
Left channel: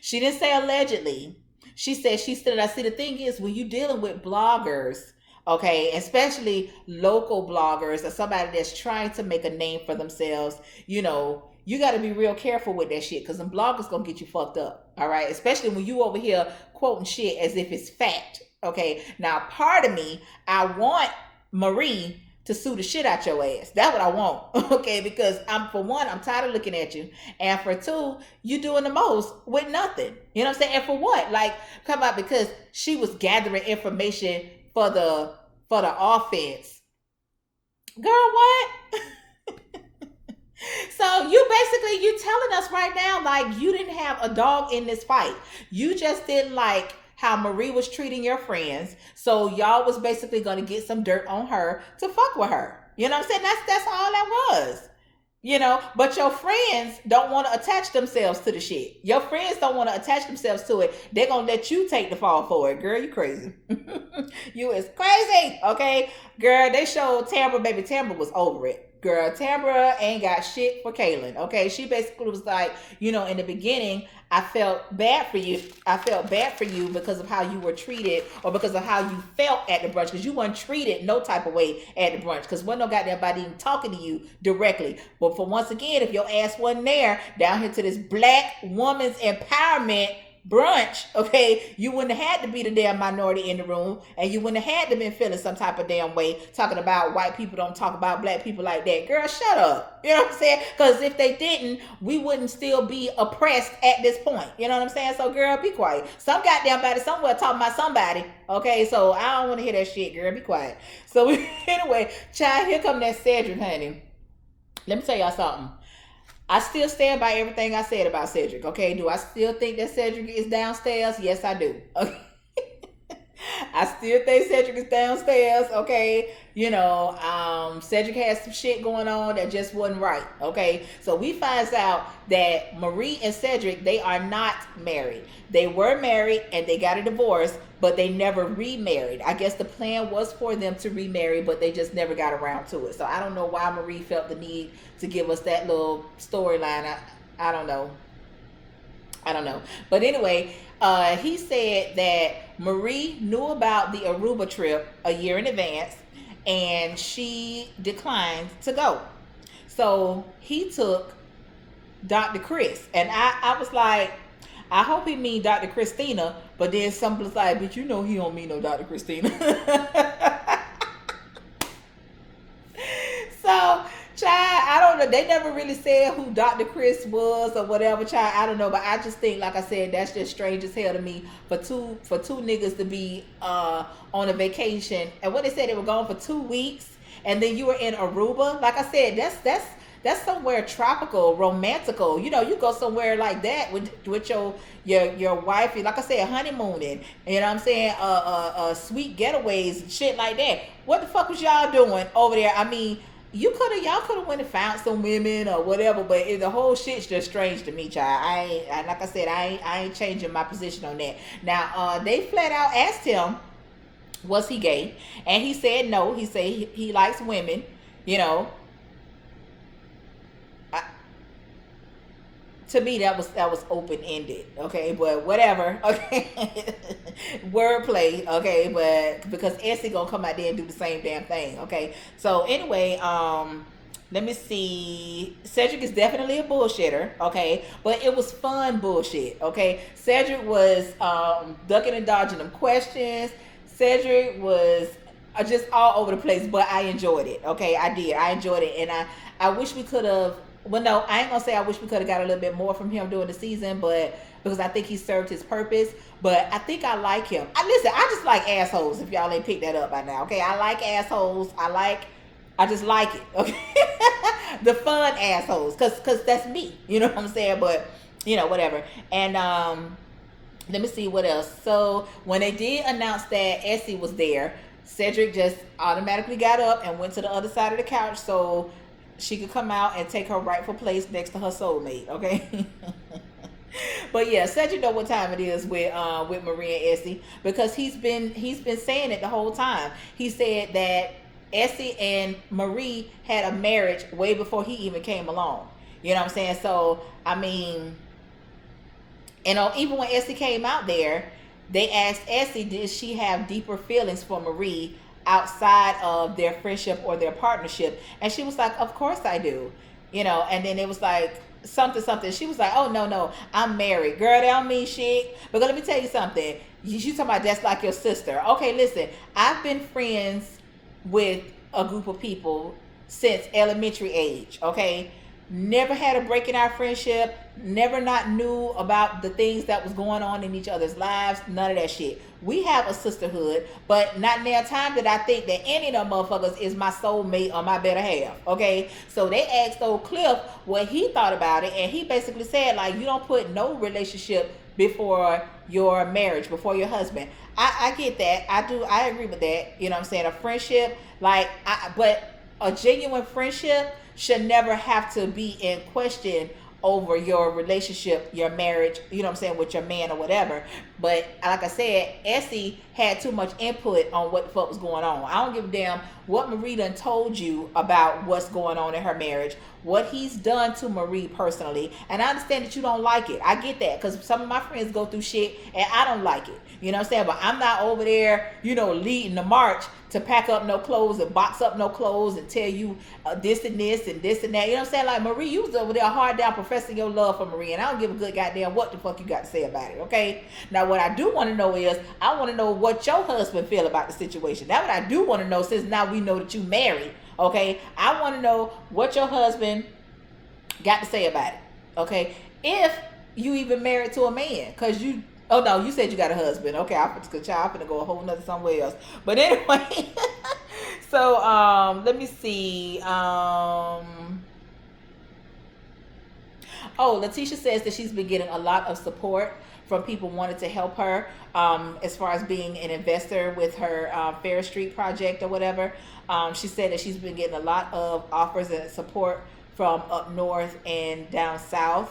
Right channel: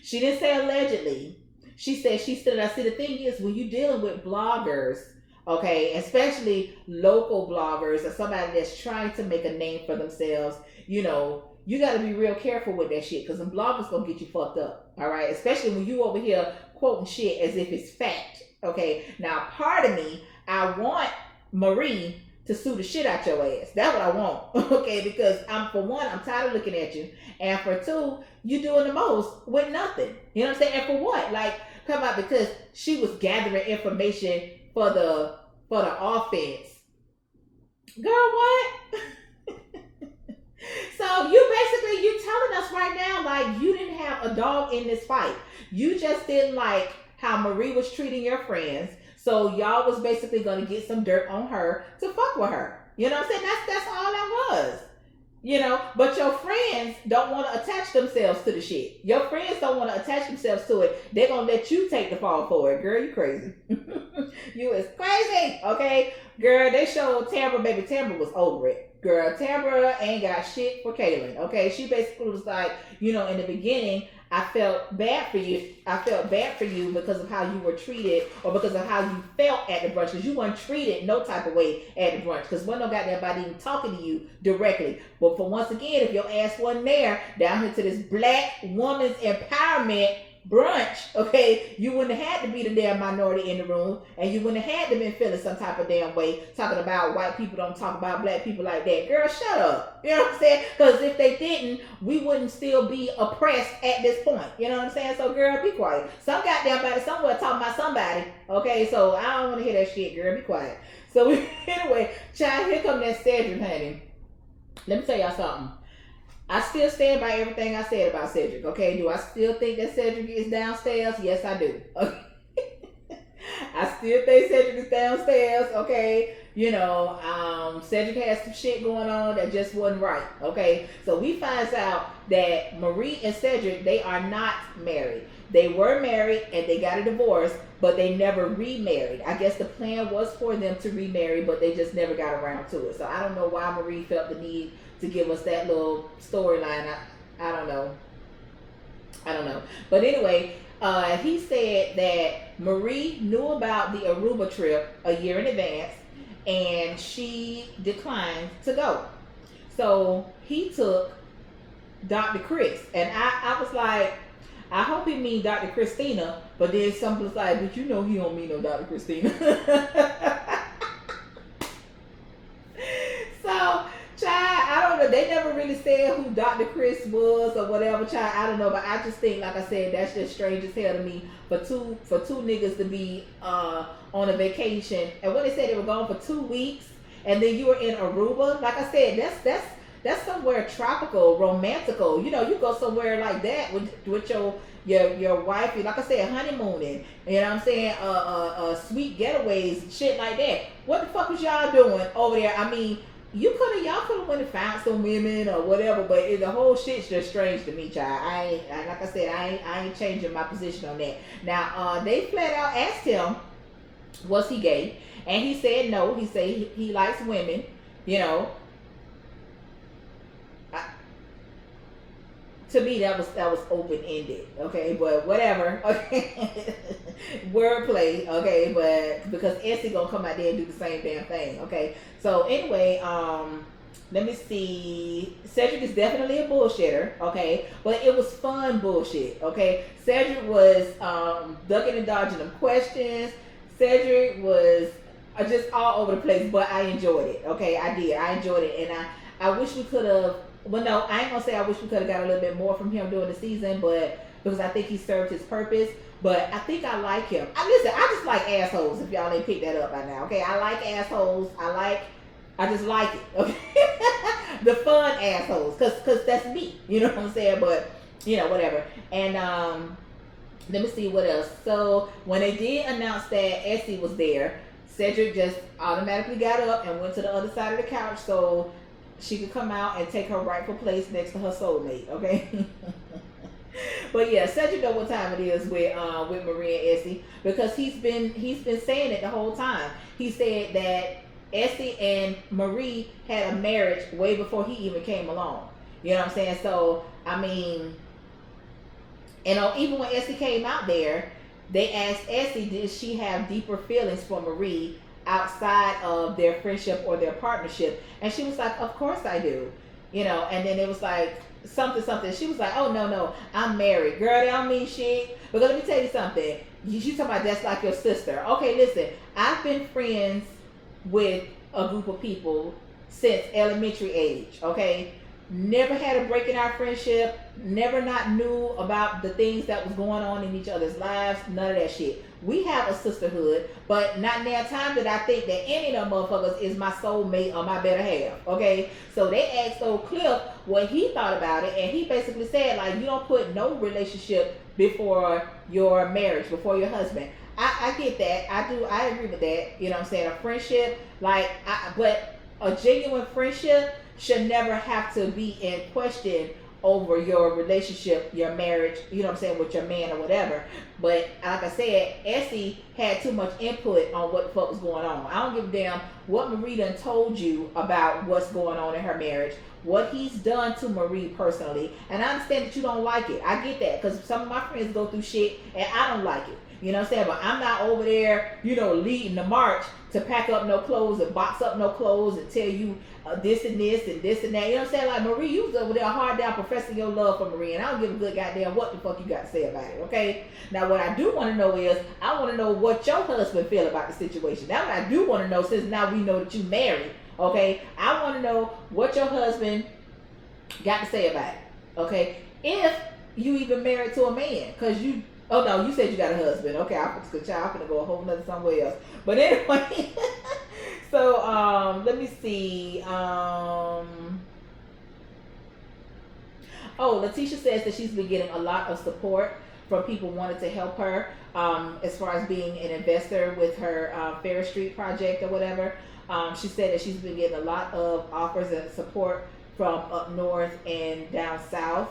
She didn't say allegedly. She said she still. I see, the thing is, when you're dealing with bloggers, okay, especially local bloggers or somebody that's trying to make a name for themselves, you know, you got to be real careful with that shit, because them bloggers gonna get you fucked up, all right? Especially when you over here quoting shit as if it's fact, okay? Now, part of me, I want Marie to sue the shit out your ass. That's what I want, okay? Because for one, I'm tired of looking at you. And for two, you doing the most with nothing. You know what I'm saying? And for what? Like, come out, because she was gathering information for the offense. Girl, what? So you telling us right now, like, you didn't have a dog in this fight. You just didn't like how Marie was treating your friends. So y'all was basically gonna get some dirt on her to fuck with her. You know what I'm saying? That's all that was. But your friends don't want to attach themselves to the shit. Your friends don't want to attach themselves to it. They're gonna let you take the fall for it. Girl, you crazy. You is crazy. Okay. Girl, they showed Tambra, baby Tambra was over it. Girl, Tambra ain't got shit for Kaylin. Okay. She basically was like, in the beginning, I felt bad for you. I felt bad for you because of how you were treated, or because of how you felt at the brunch, because you weren't treated no type of way at the brunch, because wasn't no goddamn body even talking to you directly. But for once again, if your ass wasn't there down here to this Black woman's empowerment brunch, okay, you wouldn't have had to be the damn minority in the room, and you wouldn't have had to been feeling some type of damn way talking about white people don't talk about Black people like that. Girl, shut up. You know what I'm saying? Because if they didn't, we wouldn't still be oppressed at this point. You know what I'm saying? So girl, be quiet. Some goddamn body somewhere talking about somebody. Okay, so I don't want to hear that shit. Girl, be quiet. So anyway, child, here come that Cedric, honey. Let me tell y'all something. I still stand by everything I said about Cedric, okay? Do I still think that Cedric is downstairs? Yes, I do. Okay? I still think Cedric is downstairs, okay? Cedric has some shit going on that just wasn't right, okay? So we find out that Marie and Cedric, they are not married. They were married and they got a divorce, but they never remarried. I guess the plan was for them to remarry, but they just never got around to it. So I don't know why Marie felt the need to give us that little storyline. I don't know. But anyway, he said that Marie knew about the Aruba trip a year in advance, and she declined to go. So he took Dr. Chris, and I was like, I hope he mean Dr. Christina, but then some was like, but he don't mean no Dr. Christina. So, child, I don't know. They never really said who Dr. Chris was or whatever, child. I don't know, but I just think, like I said, that's just strange as hell to me for two niggas to be on a vacation. And when they said they were gone for 2 weeks, and then you were in Aruba, like I said, that's somewhere tropical, romantical. You go somewhere like that with your wife, like I said, honeymooning. You know what I'm saying? Sweet getaways, shit like that. What the fuck was y'all doing over there? I mean, y'all could have went and found some women or whatever, but the whole shit's just strange to me, child. Like I said, I ain't changing my position on that. Now, they flat out asked him, was he gay? And he said no. He said he likes women, to me that was open ended, okay, but whatever, okay. Wordplay, okay, but because Essie gonna come out there and do the same damn thing, okay. So anyway, let me see. Cedric is definitely a bullshitter, okay, but it was fun bullshit, okay. Cedric was ducking and dodging them questions. Cedric was just all over the place, but I enjoyed it, okay. I enjoyed it, and I wish we could have. Well, no, I ain't gonna say I wish we could have got a little bit more from him during the season, but because I think he served his purpose. But I think I like him. I just like assholes. If y'all ain't picked that up by now, okay? I like assholes. I just like it, okay? The fun assholes, cause that's me. You know what I'm saying? But whatever. And let me see what else. So when they did announce that Essie was there, Cedric just automatically got up and went to the other side of the couch so she could come out and take her rightful place next to her soulmate, okay? But yeah, Cedric know what time it is with Marie and Essie, because he's been saying it the whole time. He said that Essie and Marie had a marriage way before he even came along. You know what I'm saying? So I mean, even when Essie came out there, they asked Essie, did she have deeper feelings for Marie outside of their friendship or their partnership? And she was like, of course I do. And then it was like something. She was like, oh no, I'm married. Girl, that don't mean shit. But let me tell you something. You talking about that's like your sister. Okay, listen, I've been friends with a group of people since elementary age, okay? Never had a break in our friendship, never not knew about the things that was going on in each other's lives, none of that shit. We have a sisterhood, but not now time that I think that any of them motherfuckers is my soulmate or my better half, okay? So they asked old Cliff what he thought about it, and he basically said, like, you don't put no relationship before your marriage, before your husband. I get that. I agree with that. You know what I'm saying? A friendship, but a genuine friendship should never have to be in question over your relationship, your marriage, you know what I'm saying, with your man or whatever. But like I said, Essie had too much input on what the fuck was going on. I don't give a damn what Marie done told you about what's going on in her marriage, what he's done to Marie personally. And I understand that you don't like it. I get that because some of my friends go through shit and I don't like it. You know what I'm saying? But I'm not over there, leading the march to pack up no clothes and box up no clothes and tell you this and this and this and that. You know what I'm saying? Like, Marie, you was over there hard down professing your love for Marie, and I don't give a good goddamn what the fuck you got to say about it, okay? Now, what I do want to know is, I want to know what your husband feel about the situation. Now, what I do want to know, since now we know that you married, okay? I want to know what your husband got to say about it, okay? If you even married to a man, because you... Oh no, you said you got a husband. Okay, I'm gonna go a whole nother somewhere else. But anyway, so let me see. Letitia says that she's been getting a lot of support from people wanting to help her as far as being an investor with her Fair Street project or whatever. She said that she's been getting a lot of offers and support from up north and down south.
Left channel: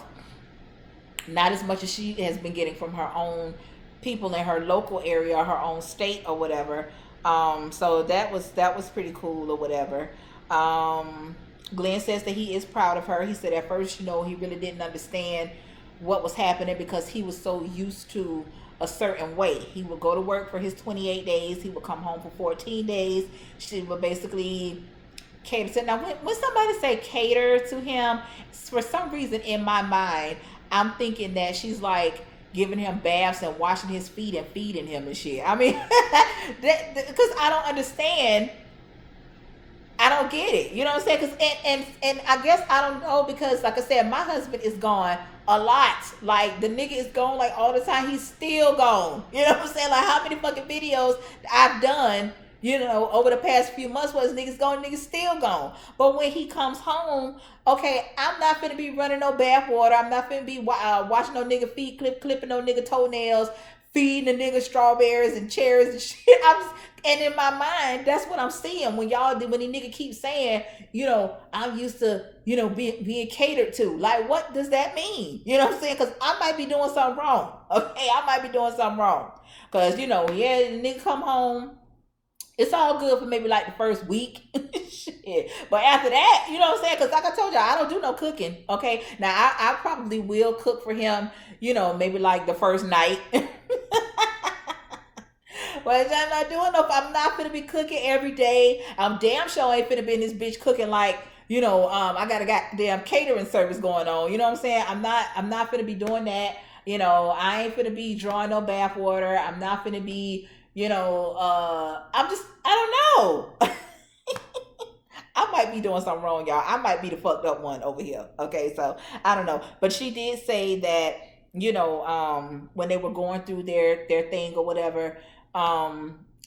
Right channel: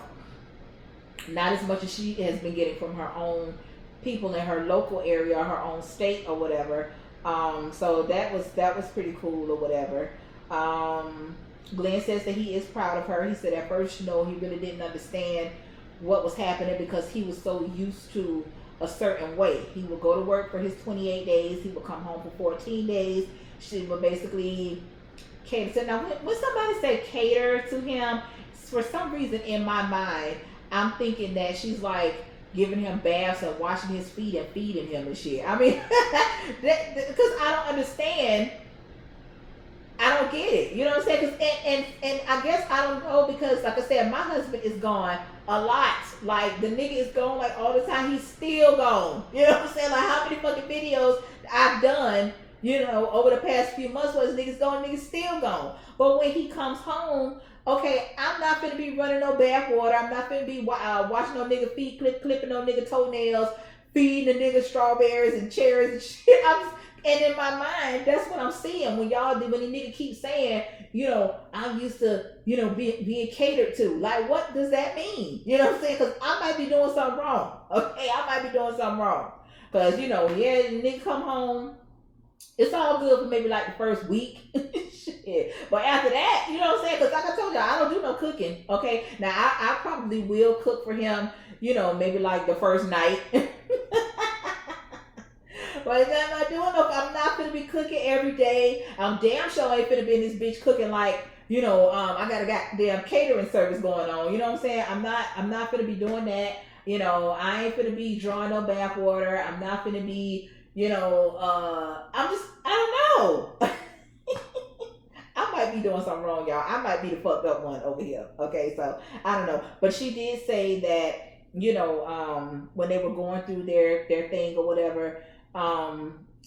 Not as much as she has been getting from her own people in her local area, her own state or whatever. So that was pretty cool or whatever. Glenn says that he is proud of her. He said at first, he really didn't understand what was happening because he was so used to a certain way. He would go to work for his 28 days. He would come home for 14 days. She would basically cater to. Now, when somebody say cater to him, for some reason in my mind, I'm thinking that she's like giving him baths and washing his feet and feeding him and shit. I mean, because I don't understand. I don't get it. You know what I'm saying? Cause, and I guess I don't know because, like I said, my husband is gone a lot. Like, the nigga is gone like all the time. He's still gone. You know what I'm saying? Like, how many fucking videos I've done, over the past few months was niggas gone, niggas still gone. But when he comes home, okay, I'm not finna be running no bath water. I'm not finna be washing no nigga feet, clipping no nigga toenails, feeding the nigga strawberries and cherries and shit. And in my mind, that's what I'm seeing when the nigga keeps saying, I'm used to, being catered to. Like, what does that mean? You know what I'm saying? Because I might be doing something wrong. Okay, I might be doing something wrong. Because, the nigga come home. It's all good for maybe like the first week. Shit. But after that, you know what I'm saying? Because like I told y'all, I don't do no cooking. Okay. Now, I probably will cook for him, maybe like the first night. But I'm not gonna be cooking every day. I'm damn sure I ain't finna be in this bitch cooking like, I got a goddamn catering service going on. You know what I'm saying? I'm not finna be doing that. I ain't finna be drawing no bath water. I'm not finna be, I don't know. I might be doing something wrong, y'all. I might be the fucked up one over here. Okay, so I don't know. But she did say that, when they were going through their thing or whatever,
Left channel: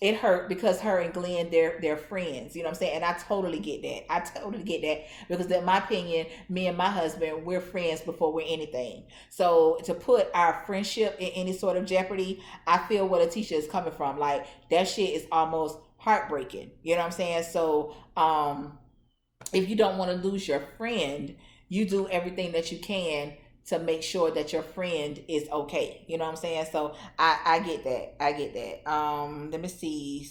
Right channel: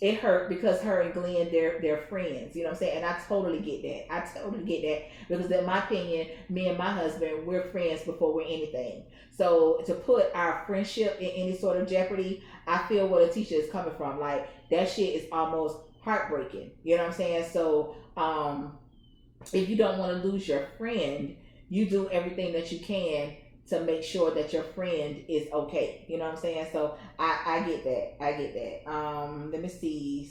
it hurt because her and Glenn, they're friends. You know what I'm saying? And I totally get that. Because in my opinion, me and my husband, we're friends before we're anything. So to put our friendship in any sort of jeopardy, I feel where Letitia is coming from. Like, that shit is almost heartbreaking. You know what I'm saying? So if you don't want to lose your friend, you do everything that you can to make sure that your friend is okay. You know what I'm saying? So I get that. Let me see.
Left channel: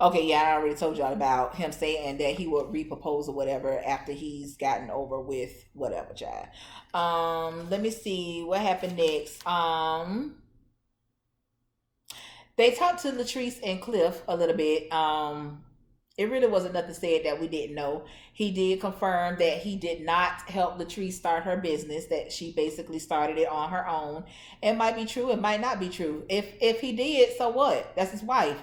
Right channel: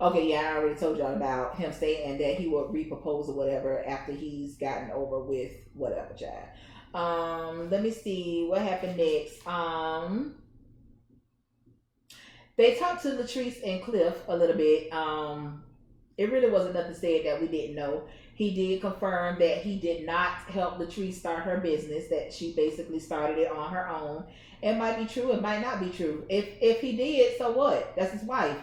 Okay, yeah, I already told y'all about him saying that he would repropose or whatever after he's gotten over with whatever, child. Let me see what happened next. They talked to Latrice and Cliff a little bit. It really wasn't nothing said that we didn't know. He did confirm that he did not help Latrice start her business, that she basically started it on her own. It might be true, it might not be true. If he did, so what? That's his wife.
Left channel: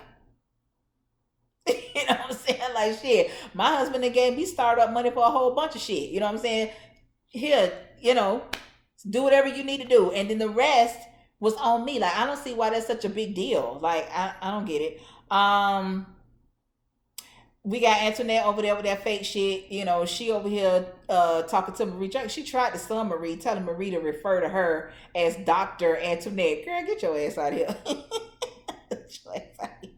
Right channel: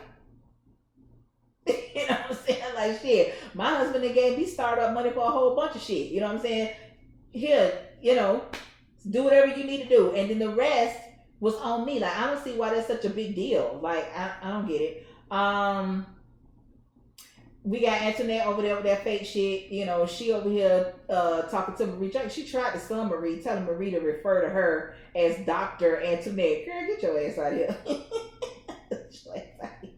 You know what I'm saying? Like, shit, my husband and gave me startup money for a whole bunch of shit. You know what I'm saying? Here, do whatever you need to do. And then the rest was on me. Like, I don't see why that's such a big deal. Like, I don't get it. we got Antoinette over there with that fake shit. You know, she over here talking to Marie. She tried to sue Marie, telling Marie to refer to her as Dr. Antoinette. Girl, get your ass out of here. Get your ass out of here.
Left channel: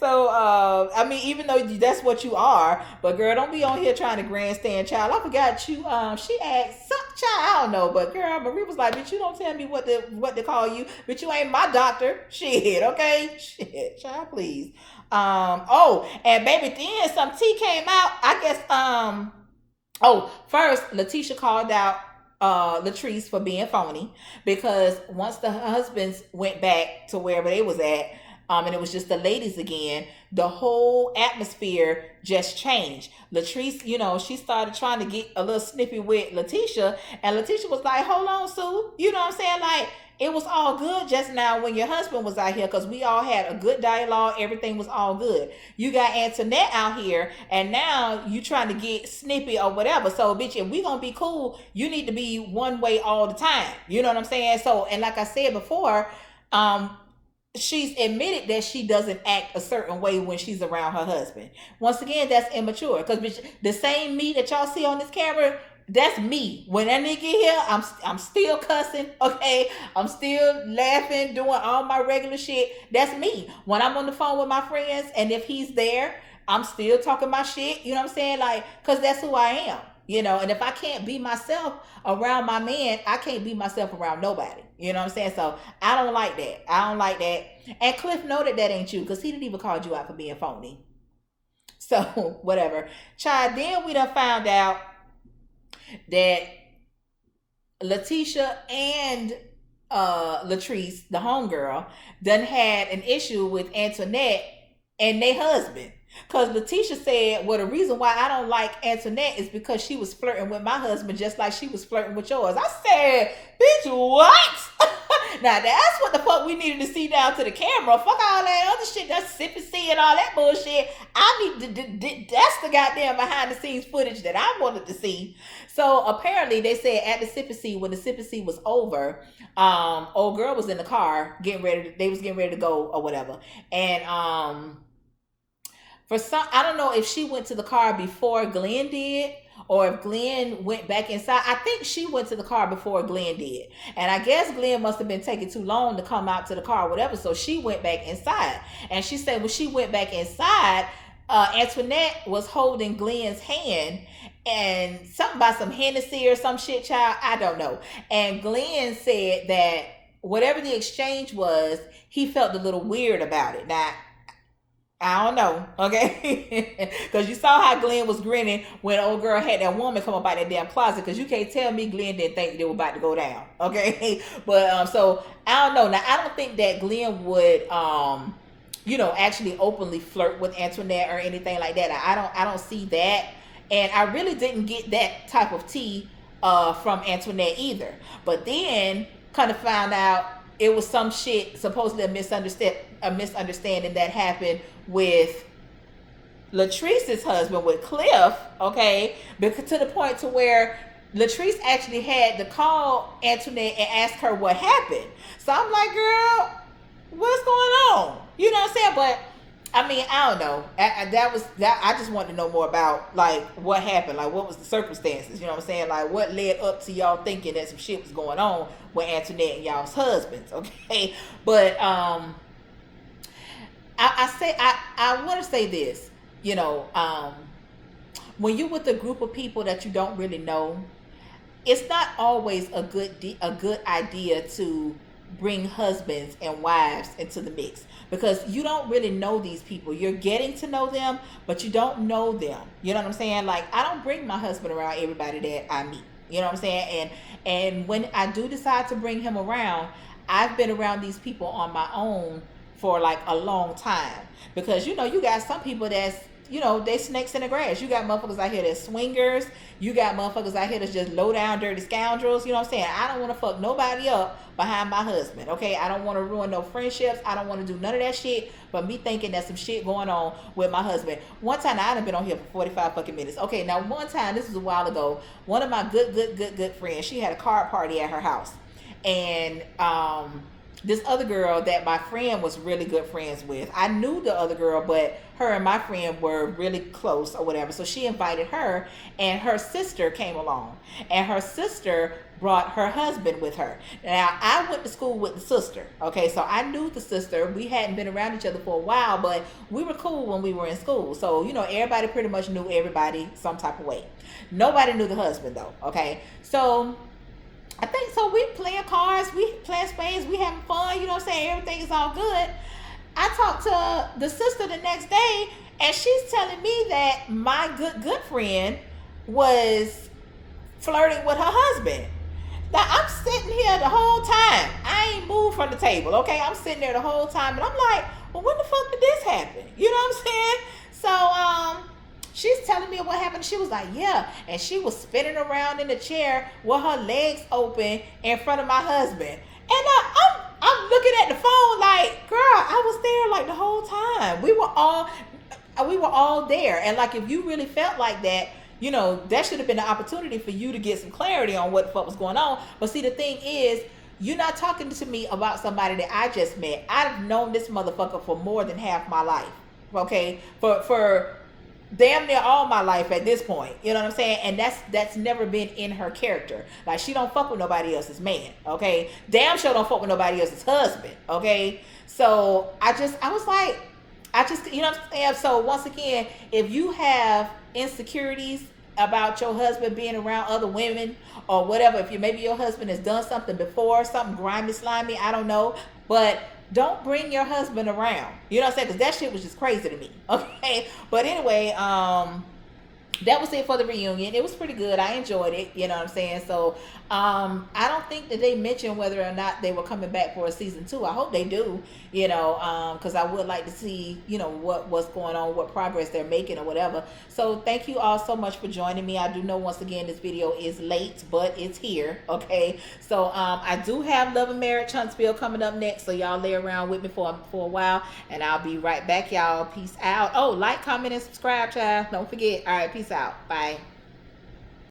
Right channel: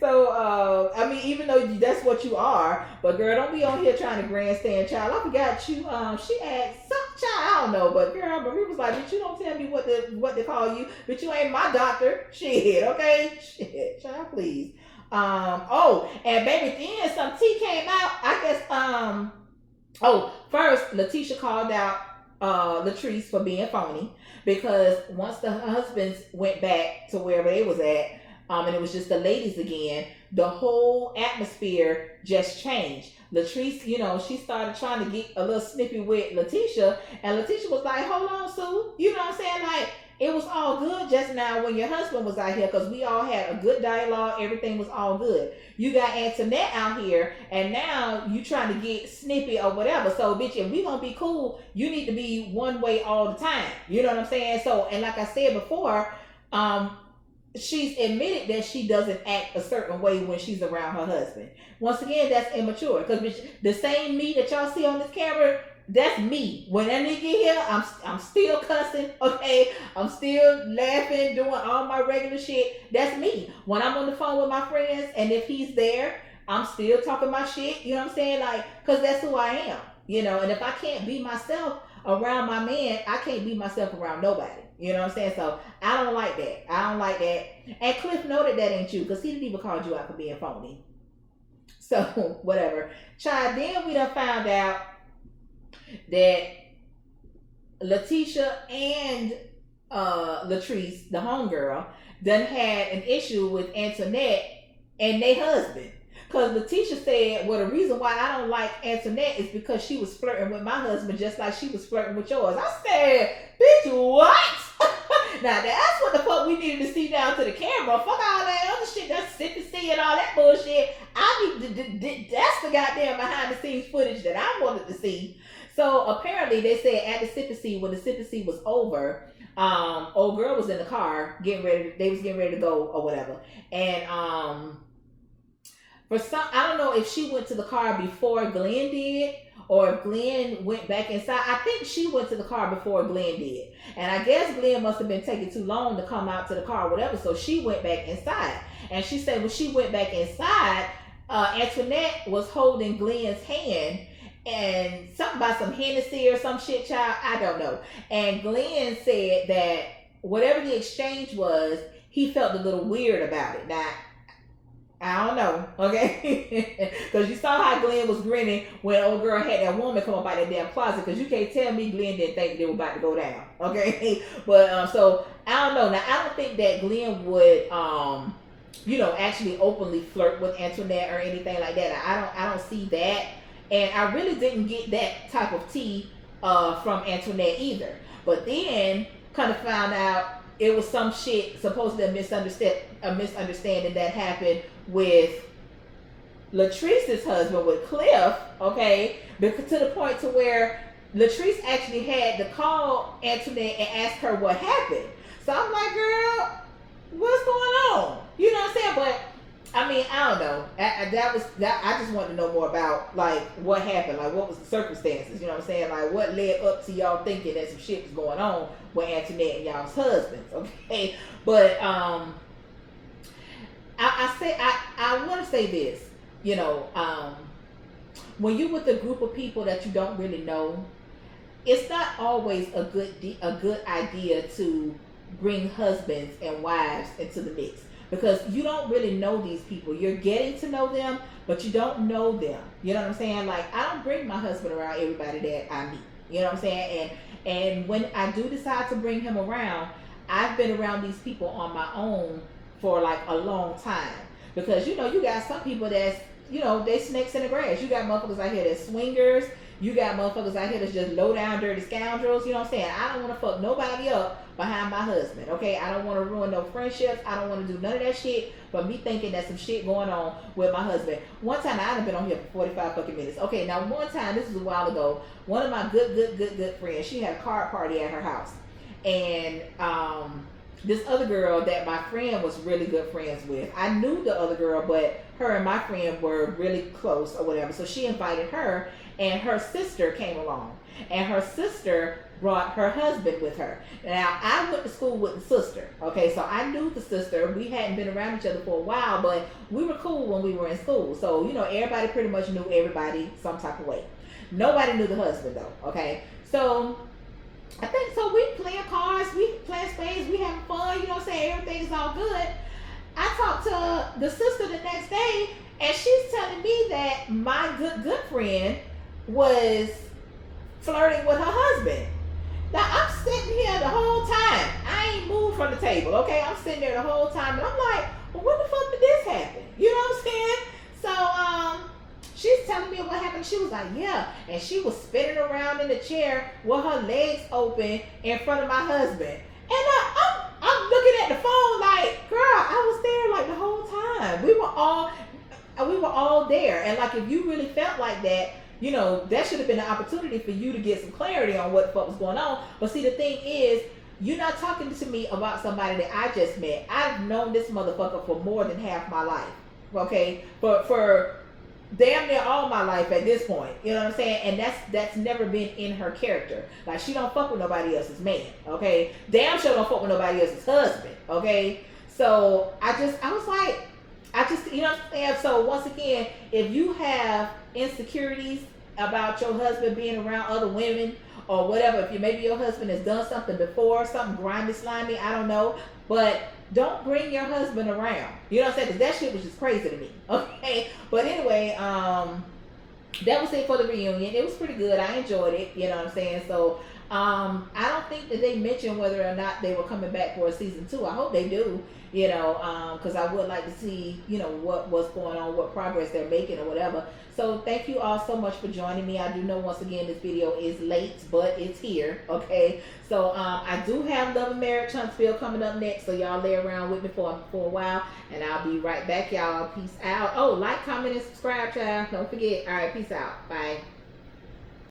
So, I mean, even though that's what you are, but girl, don't be on here trying to grandstand, child. I forgot you. She asked some child, I don't know, but girl, Marie was like, "Bitch, you don't tell me what to call you, but you ain't my doctor." Shit, okay, shit, child, please. Oh, and baby, then some tea came out. I guess. Oh, first, Letitia called out Latrice for being phony because once the husbands went back to wherever they was at, and it was just the ladies again, the whole atmosphere just changed. Latrice, you know, she started trying to get a little snippy with Letitia, and Letitia was like, "Hold on, Sue." You know what I'm saying? Like, it was all good just now when your husband was out here because we all had a good dialogue. Everything was all good. You got Antoinette out here, and now you trying to get snippy or whatever. So, bitch, if we gonna be cool, you need to be one way all the time. You know what I'm saying? So, and like I said before, she's admitted that she doesn't act a certain way when she's around her husband. Once again, that's immature. Because the same me that y'all see on this camera, that's me. When that nigga get here, I'm still cussing, okay? I'm still laughing, doing all my regular shit. That's me. When I'm on the phone with my friends, and if he's there, I'm still talking my shit. You know what I'm saying? Like, because that's who I am. You know, and if I can't be myself around my man, I can't be myself around nobody. You know what I'm saying? So I don't like that. I don't like that. And Cliff noted that ain't you because he didn't even call you out for being phony. So whatever. Child, then we done found out that Letitia and Latrice, the homegirl, done had an issue with Antoinette and their husband. Because Letitia said, well, the reason why I don't like Antoinette is because she was flirting with my husband just like she was flirting with yours. I said, bitch, what? Now, that's what the fuck we needed to see down to the camera. Fuck all that other shit, that's sippy C and all that bullshit. I need that's the goddamn behind the scenes footage that I wanted to see. So apparently they said at the sippy C, when the sippy C was over, old girl was in the car they was getting ready to go or whatever. And for some, I don't know if she went to the car before Glenn did or if Glenn went back inside. I think she went to the car before Glenn did. And I guess Glenn must have been taking too long to come out to the car or whatever. So she went back inside. And she said when she went back inside, Antoinette was holding Glenn's hand and something about some Hennessy or some shit, child. I don't know. And Glenn said that whatever the exchange was, he felt a little weird about it. Now, I don't know, okay? Because you saw how Glenn was grinning when old girl had that woman come up out that damn closet. Because you can't tell me Glenn didn't think they were about to go down, okay? But so I don't know. Now I don't think that Glenn would, you know, actually openly flirt with Antoinette or anything like that. I don't see that, and I really didn't get that type of tea from Antoinette either. But then kind of found out it was some shit, supposedly a misunderstanding that happened with Latrice's husband, with Cliff, okay? Because to the point to where Latrice actually had to call Antoinette and ask her what happened. So I'm like, girl, what's going on? You know what I'm saying? But I mean, I don't know. I just wanted to know more about like what happened, like what was the circumstances. You know what I'm saying? Like what led up to y'all thinking that some shit was going on with Antoinette and y'all's husbands, okay? But I want to say this, you know, when you're with a group of people that you don't really know, it's not always a good idea to bring husbands and wives into the mix, because you don't really know these people. You're getting to know them, but you don't know them. You know what I'm saying? Like, I don't bring my husband around everybody that I meet. You know what I'm saying? And when I do decide to bring him around, I've been around these people on my own for like a long time. Because, you know, you got some people that's, you know, they snakes in the grass. You got motherfuckers out here that's swingers. You got motherfuckers out here that's just low down dirty scoundrels. You know what I'm saying? I don't want to fuck nobody up behind my husband, okay? I don't want to ruin no friendships. I don't want to do none of that shit, but me thinking that some shit going on with my husband. One time, I done been on here for 45 fucking minutes. Okay, now one time, this was a while ago, one of my good friends, she had a card party at her house. And this other girl that my friend was really good friends with. I knew the other girl, but her and my friend were really close or whatever. So she invited her, and her sister came along, and her sister brought her husband with her. Now I went to school with the sister, okay, so I knew the sister. We hadn't been around each other for a while, but we were cool when we were in school. So everybody pretty much knew everybody some type of way. Nobody knew the husband though, okay. So I think so. We playing cards, we playing spades, we having fun. You know what I'm saying? Everything is all good. I talked to the sister the next day, and she's telling me that my good friend was flirting with her husband. Now I'm sitting here the whole time. I ain't moved from the table. Okay, I'm sitting there the whole time, and I'm like, well, when the fuck did this happen? You know what I'm saying? So she's telling me what happened. She was like, yeah. And she was spinning around in the chair with her legs open in front of my husband. And I'm looking at the phone like, girl, I was there like the whole time. We were all there. And like, if you really felt like that, that should have been an opportunity for you to get some clarity on what the fuck was going on. But see, the thing is, you're not talking to me about somebody that I just met. I've known this motherfucker for more than half my life. Okay? For damn near all my life at this point. You know what I'm saying? And that's never been in her character. Like, she don't fuck with nobody else's man. Okay? Damn sure don't fuck with nobody else's husband. Okay? So I was like, you know what I'm saying? So once again, if you have insecurities about your husband being around other women or whatever, if maybe your husband has done something before, something grimy, slimy, I don't know, but don't bring your husband around. You know what I'm saying? Because that shit was just crazy to me. Okay? But anyway, that was it for the reunion. It was pretty good. I enjoyed it. You know what I'm saying? So I don't think that they mentioned whether or not they were coming back for a season 2. I hope they do, because I would like to see, what's going on, what progress they're making or whatever. So thank you all so much for joining me. I do know, once again, this video is late, but it's here. Okay. So I do have Love and Marriage Huntsville coming up next. So y'all lay around with me for a while, and I'll be right back, y'all. Peace out. Oh, like, comment, and subscribe, child. Don't forget. All right. Peace out. Bye.